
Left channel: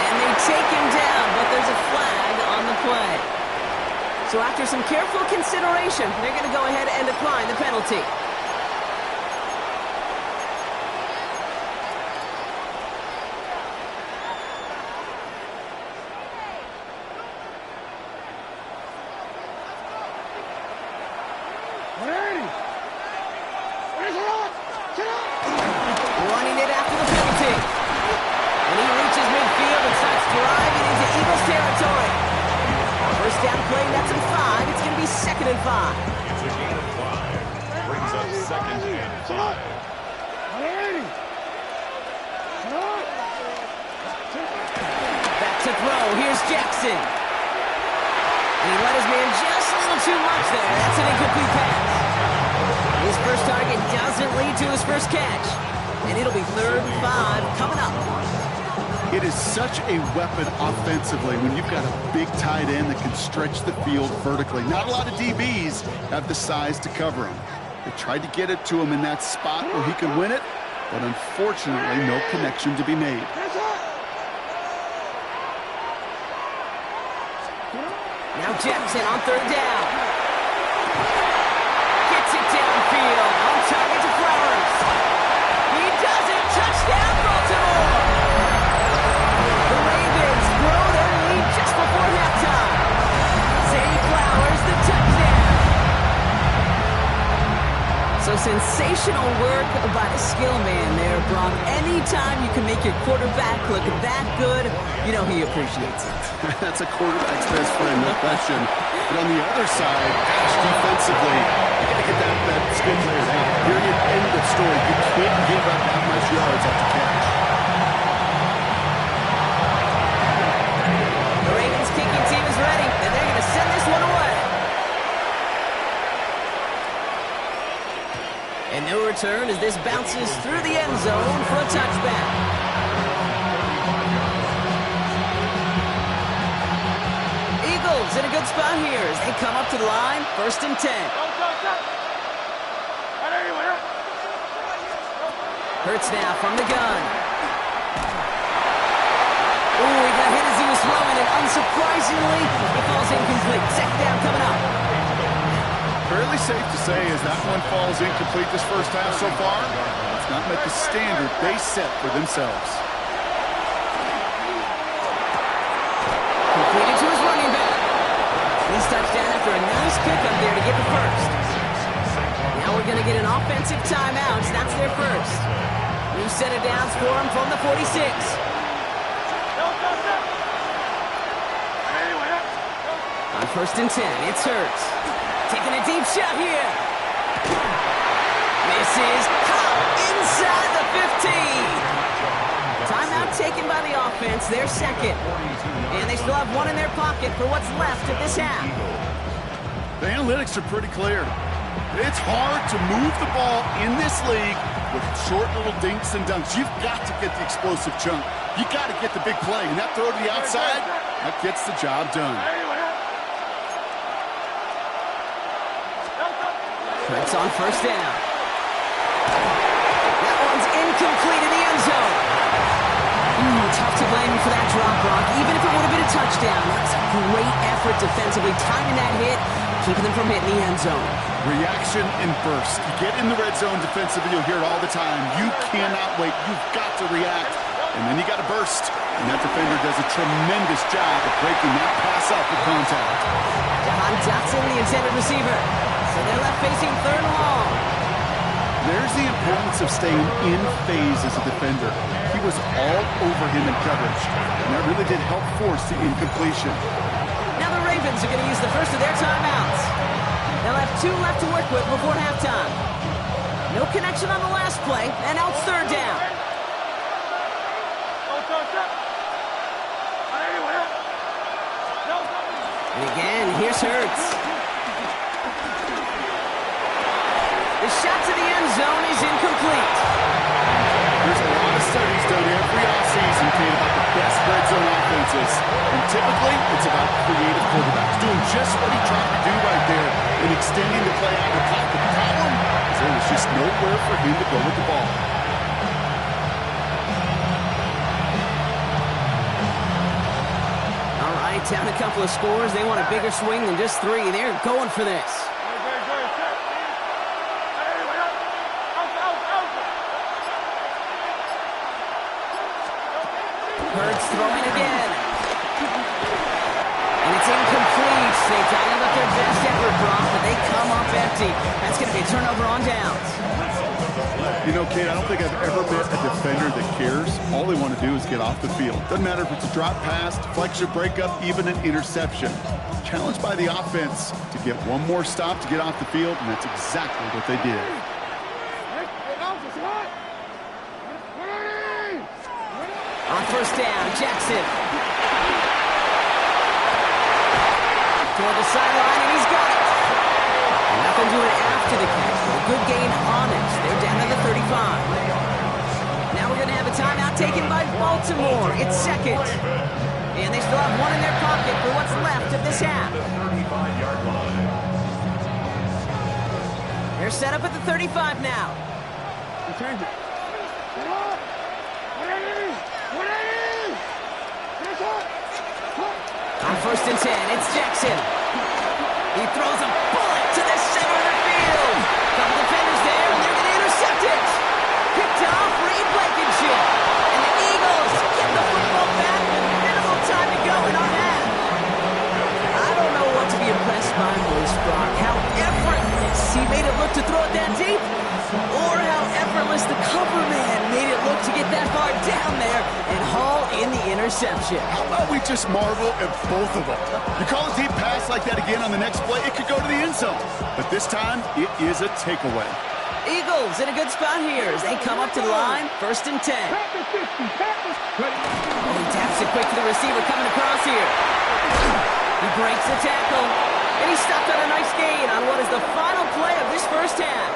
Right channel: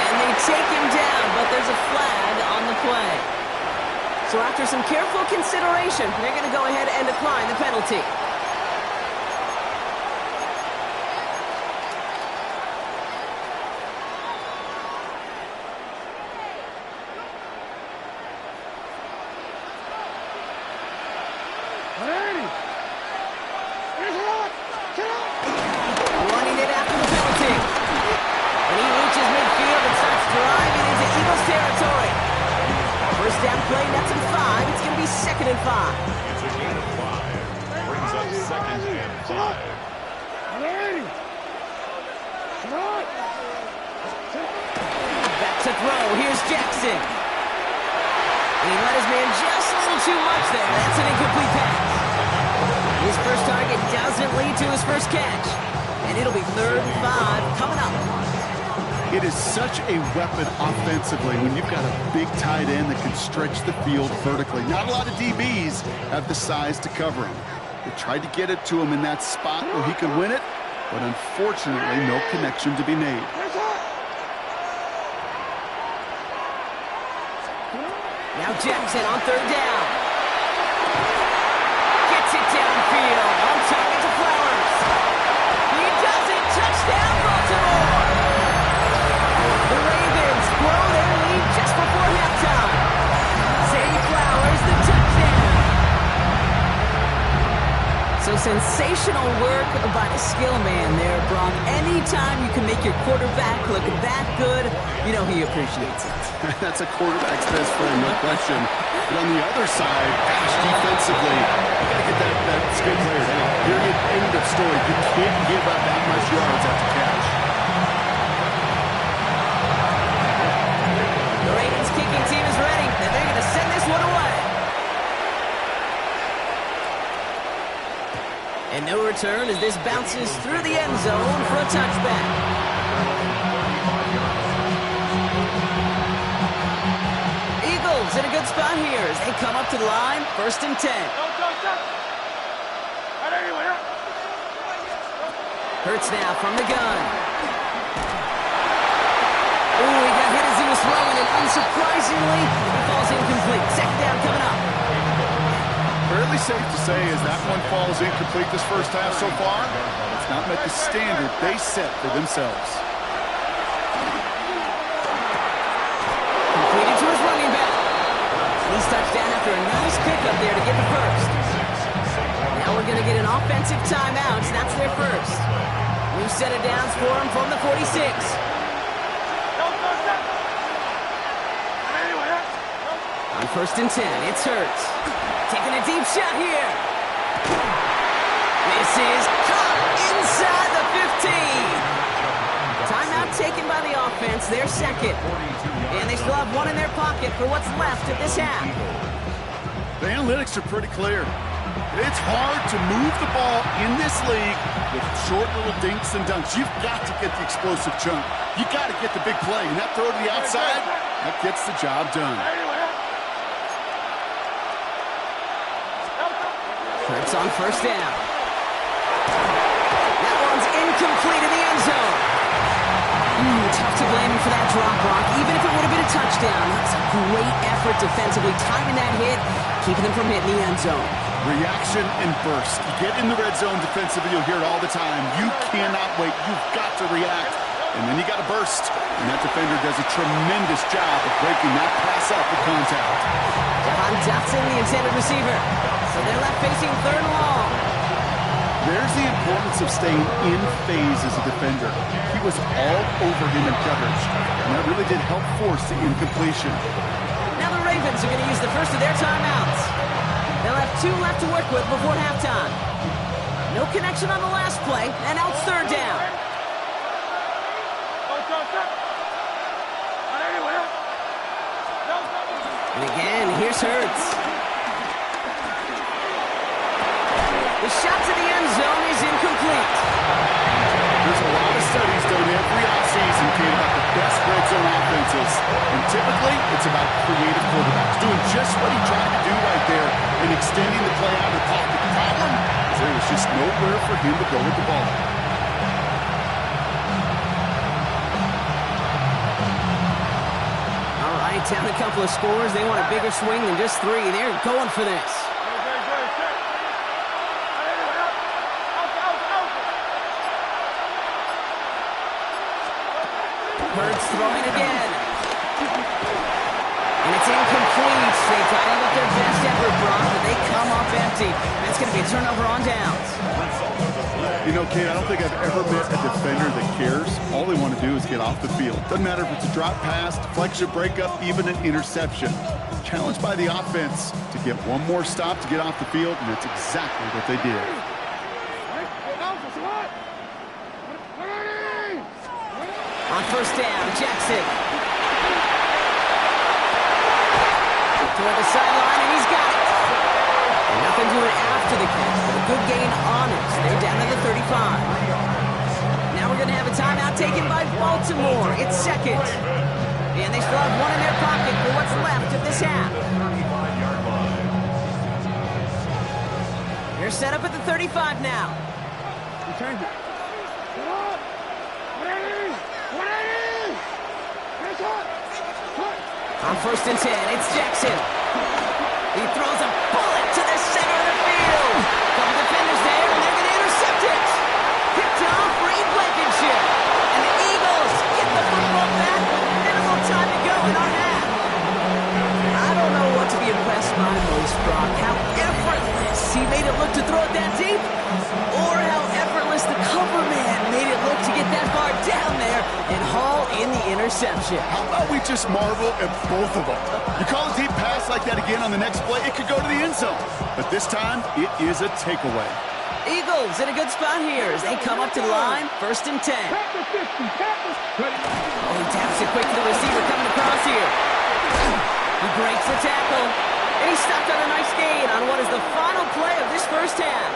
And they take him down, but there's a flag on the play. So after some careful consideration, they're going to go ahead and decline the penalty. Running it after the penalty. And he reaches midfield and starts driving into Eagles territory. First down play, that's in 5. It's going to be 2nd and 5. It's a gain of 5. Brings up 2nd and 5. Back to throw. Here's Jackson. And he let his man just a little too much there. That's an incomplete pass. His first target doesn't lead to his first catch. And it'll be 3rd and 5 coming up. It is such a weapon offensively when you've got a big tight end that can stretch the field vertically. Not a lot of DBs have the size to cover him. They tried to get it to him in that spot where he could win it, but unfortunately, no connection to be made. Now Jackson on third down. Gets it downfield. On target to Flowers. He does it. Touchdown, Baltimore. The Ravens grow their lead just before halftime. Zay Flowers, the touchdown. So sensational work by the skill man there, Brock. Anytime you can make your quarterback look that good, you know he appreciates it. That's a quarterback's best friend, no question. But on the other side, gosh, defensively, you got to get that skill player down. Period, end of story. You can't give up that much yards after catch. The Ravens kicking team is ready, and they're going to send this one away. And no return as this bounces through the end zone for a touchback. Eagles in a good spot here as they come up to the line, 1st and 10. Hurts now from the gun. Ooh, he got hit as he was throwing, and unsurprisingly, he falls incomplete. 2nd down coming up. Fairly safe to say as that one falls incomplete this first half so far, it's not met the standard they set for themselves. Completed to his running back. He's touchdown after a nice pickup there to get the first. Now we're going to get an offensive timeout. That's their first. New set of downs for him from the 46. On 1st and 10, it's Hurts. Taking a deep shot here. This is caught inside the 15. Timeout taken by the offense, their second. And they still have one in their pocket for what's left of this half. The analytics are pretty clear. It's hard to move the ball in this league with short little dinks and dunks. You've got to get the explosive chunk. You got to get the big play. And that throw to the outside, that gets the job done. Hurts on 1st down. That one's incomplete in the end zone. Ooh, tough to blame him for that drop, Brock. Even if it would have been a touchdown, that was a great effort defensively, timing that hit, keeping them from hitting the end zone. Reaction and burst. You get in the red zone defensively, you'll hear it all the time. You cannot wait. You've got to react. And then you got to burst. And that defender does a tremendous job of breaking that pass up with contact. Jahan Dotson, the intended receiver. So they're left facing 3rd and long. There's the importance of staying in phase as a defender. He was all over him in coverage, and that really did help force the incompletion. Now the Ravens are going to use the first of their timeouts. They'll have 2 left to work with before halftime. No connection on the last play, and now it's 3rd down. And again, here's Hurts. The shot to the end zone is incomplete. There's a lot of studies done every offseason, Kate, about the best red zone offenses. And typically, it's about creative quarterbacks doing just what he tried to do right there in extending the play out of the pocket. The problem is there was just nowhere for him to go with the ball. All right, down a couple of scores. They want a bigger swing than just 3. They're going for this. Hurts throwing again. And it's incomplete. They dialed up their best effort, Brock, but they come up empty. That's going to be a turnover on downs. You know, Kate, I don't think I've ever met a defender that cares. All they want to do is get off the field. Doesn't matter if it's a drop pass, deflection, breakup, even an interception. Challenged by the offense to get one more stop to get off the field, and that's exactly what they did. On 1st down, Jackson. Toward the sideline, and he's got it. And nothing doing after the catch, but a good gain on it. They're down to the 35. Now we're going to have a timeout taken by Baltimore. It's second. And they still have one in their pocket for what's left of this half. 35-yard line. They're set up at the 35 now. He changed it. On 1st and 10, it's Jackson. He throws a bullet to the center of the field. Couple defenders there, and they're going to intercept it. Picked off Reed Blankenship. And the Eagles get the football back with minimal time to go in our half. I don't know what to be impressed by most, Brock. How effortless he made it look to throw it that deep, or how effortless the cover man made it look to get that far down there and haul in the interception. How about we just marvel at both of them? You call a deep pass like that again on the next play, it could go to the end zone. But this time, it is a takeaway. Eagles in a good spot here as they come up to the line. 1st and 10. Oh, he taps it quick to the receiver coming across here. He breaks the tackle, and he stopped on a nice gain on what is the final play of this first half.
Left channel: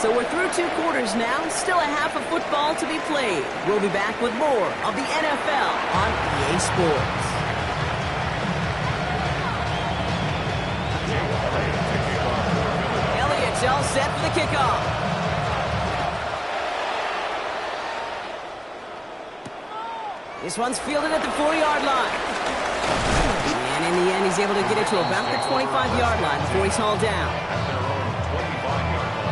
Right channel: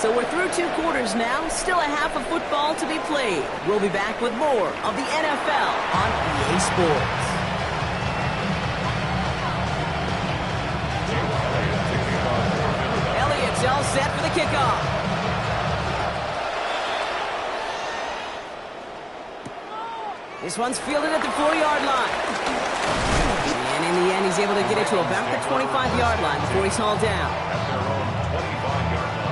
So we're through 2 quarters now, still a half of football to be played. We'll be back with more of the NFL on EA Sports. Elliott's all set for the kickoff. This one's fielded at the 4-yard line. And in the end, he's able to get it to about the 25-yard line before he's hauled down. At their own 25-yard line.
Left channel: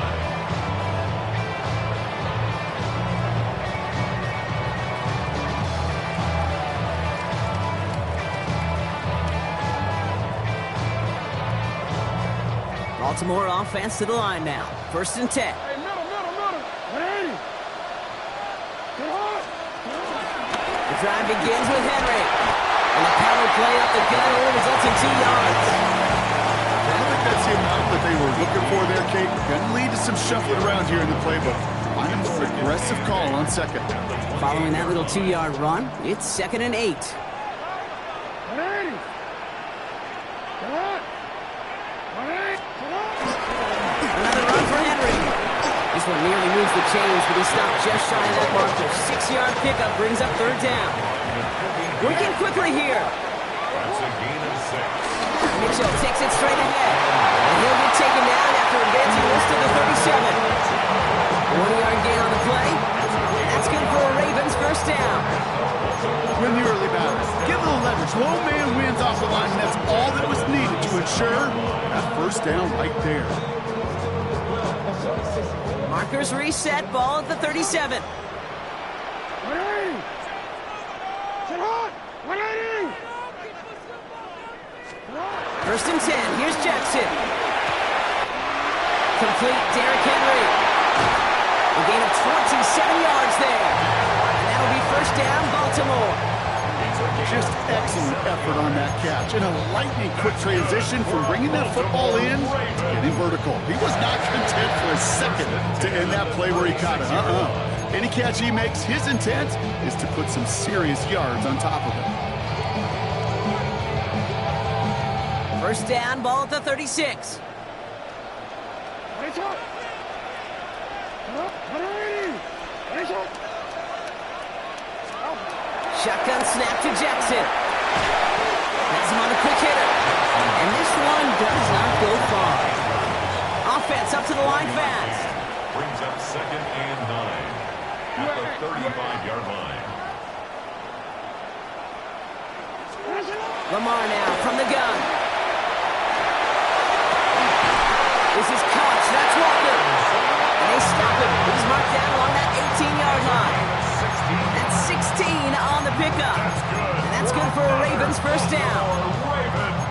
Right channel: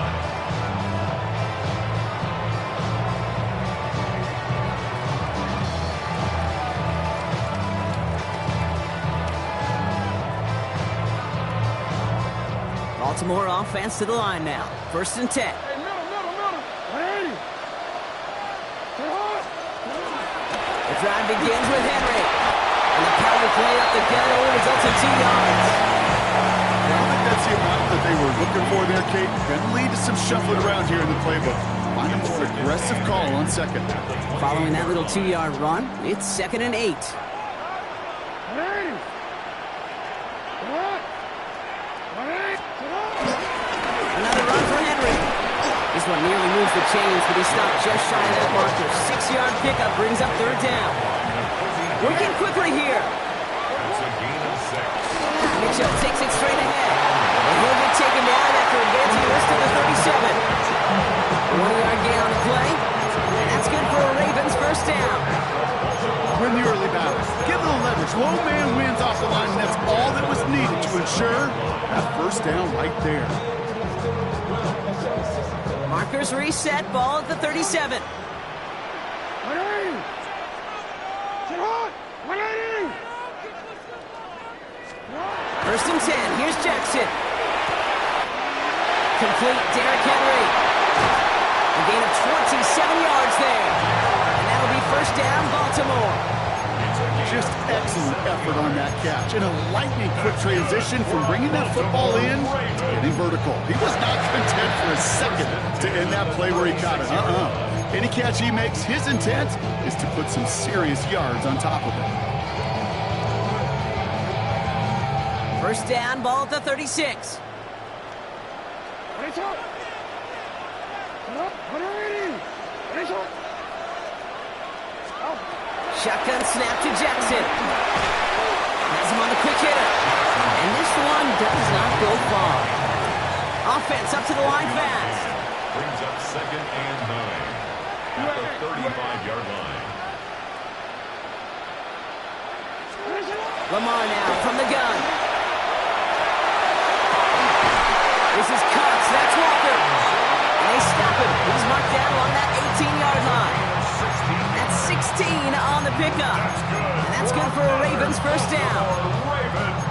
Baltimore offense to the line now. 1st and 10. Hey, middle. 180. Get hard. The drive begins with Henry. And the power play up the gut only results in 2 yards. I don't think that's the amount that they were looking for there, Kate. Going to lead to some shuffling around here in the playbook. Find a more aggressive call on second. Following that little 2-yard run, it's 2nd and 8. 180. Get hard. 180. Another run for Henry. This one nearly moves the chains, but he stopped just shy of that marker. 6-yard pickup brings up 3rd down. Working quickly here. That's a gain of 6. Mitchell takes it straight ahead. And he'll get taken down after advancing this to the 37. 1-yard gain on the play. And that's good for a Ravens 1st down. Win the early battle. Get a little leverage. Low man wins off the line, and that's all that was needed to ensure that 1st down right there. Markers reset. Ball at the 37. 180. Get hard. 180. 1st and 10. Here's Jackson. Complete. Derrick Henry. A gain of 27 yards there. And that'll be 1st down, Baltimore. Just excellent effort on that catch. And a lightning quick transition from bringing that football in to getting vertical. He was not content for a second to end that play where he caught it. Any catch he makes, his intent is to put some serious yards on top of it. 1st down, ball at the 36. 180. Shotgun snap to Jackson. Has him on the quick hitter. And this one does not go far. Offense up to the line fast. Brings up 2nd and 9 at the 35-yard line. Lamar now from the gun. This is Cox. That's Walker. And they stop him. He's marked down along that 18-yard line. That's 16 on the pickup. And that's good for a Ravens 1st down.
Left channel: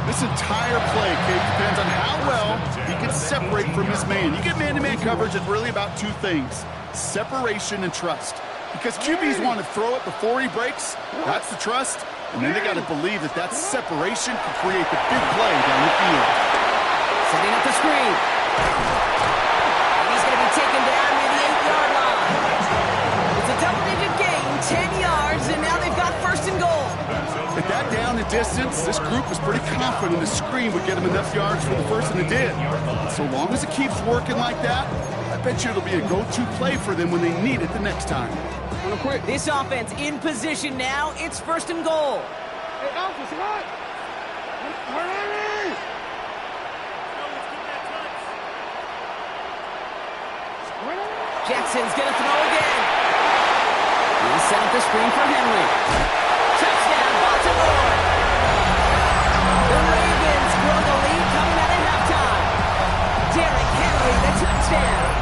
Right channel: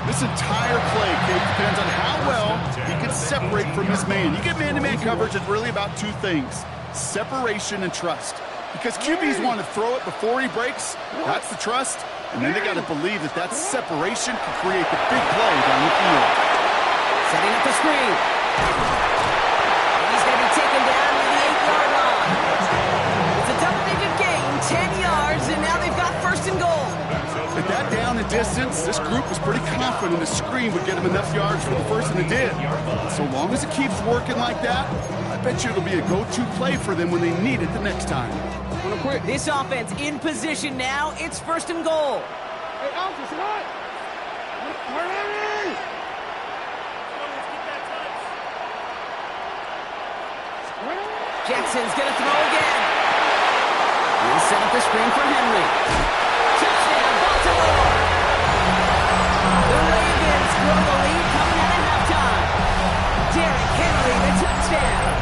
This entire play, Kate, depends on how well he can separate from his man. You get man-to-man coverage, it's really about 2 things: separation and trust. Because QBs want to throw it before he breaks. That's the trust. And then they got to believe that that separation can create the big play down the field. Setting up the screen. And he's going to be taken down near the 8-yard line. It's a double-digit gain, 10 yards, and now they've got 1st and goal. At that down and distance, this group was pretty confident the screen would get them enough yards for the first, and it did. So long as it keeps working like that, I bet you it'll be a go-to play for them when they need it the next time. This offense in position now. It's 1st and goal. Hey, Alpha, Scott! Where are we? Jackson's going to throw again. He'll set up the screen for Henry. Touchdown, Baltimore! The Ravens grow the lead coming out of halftime. Derrick Henry, the touchdown.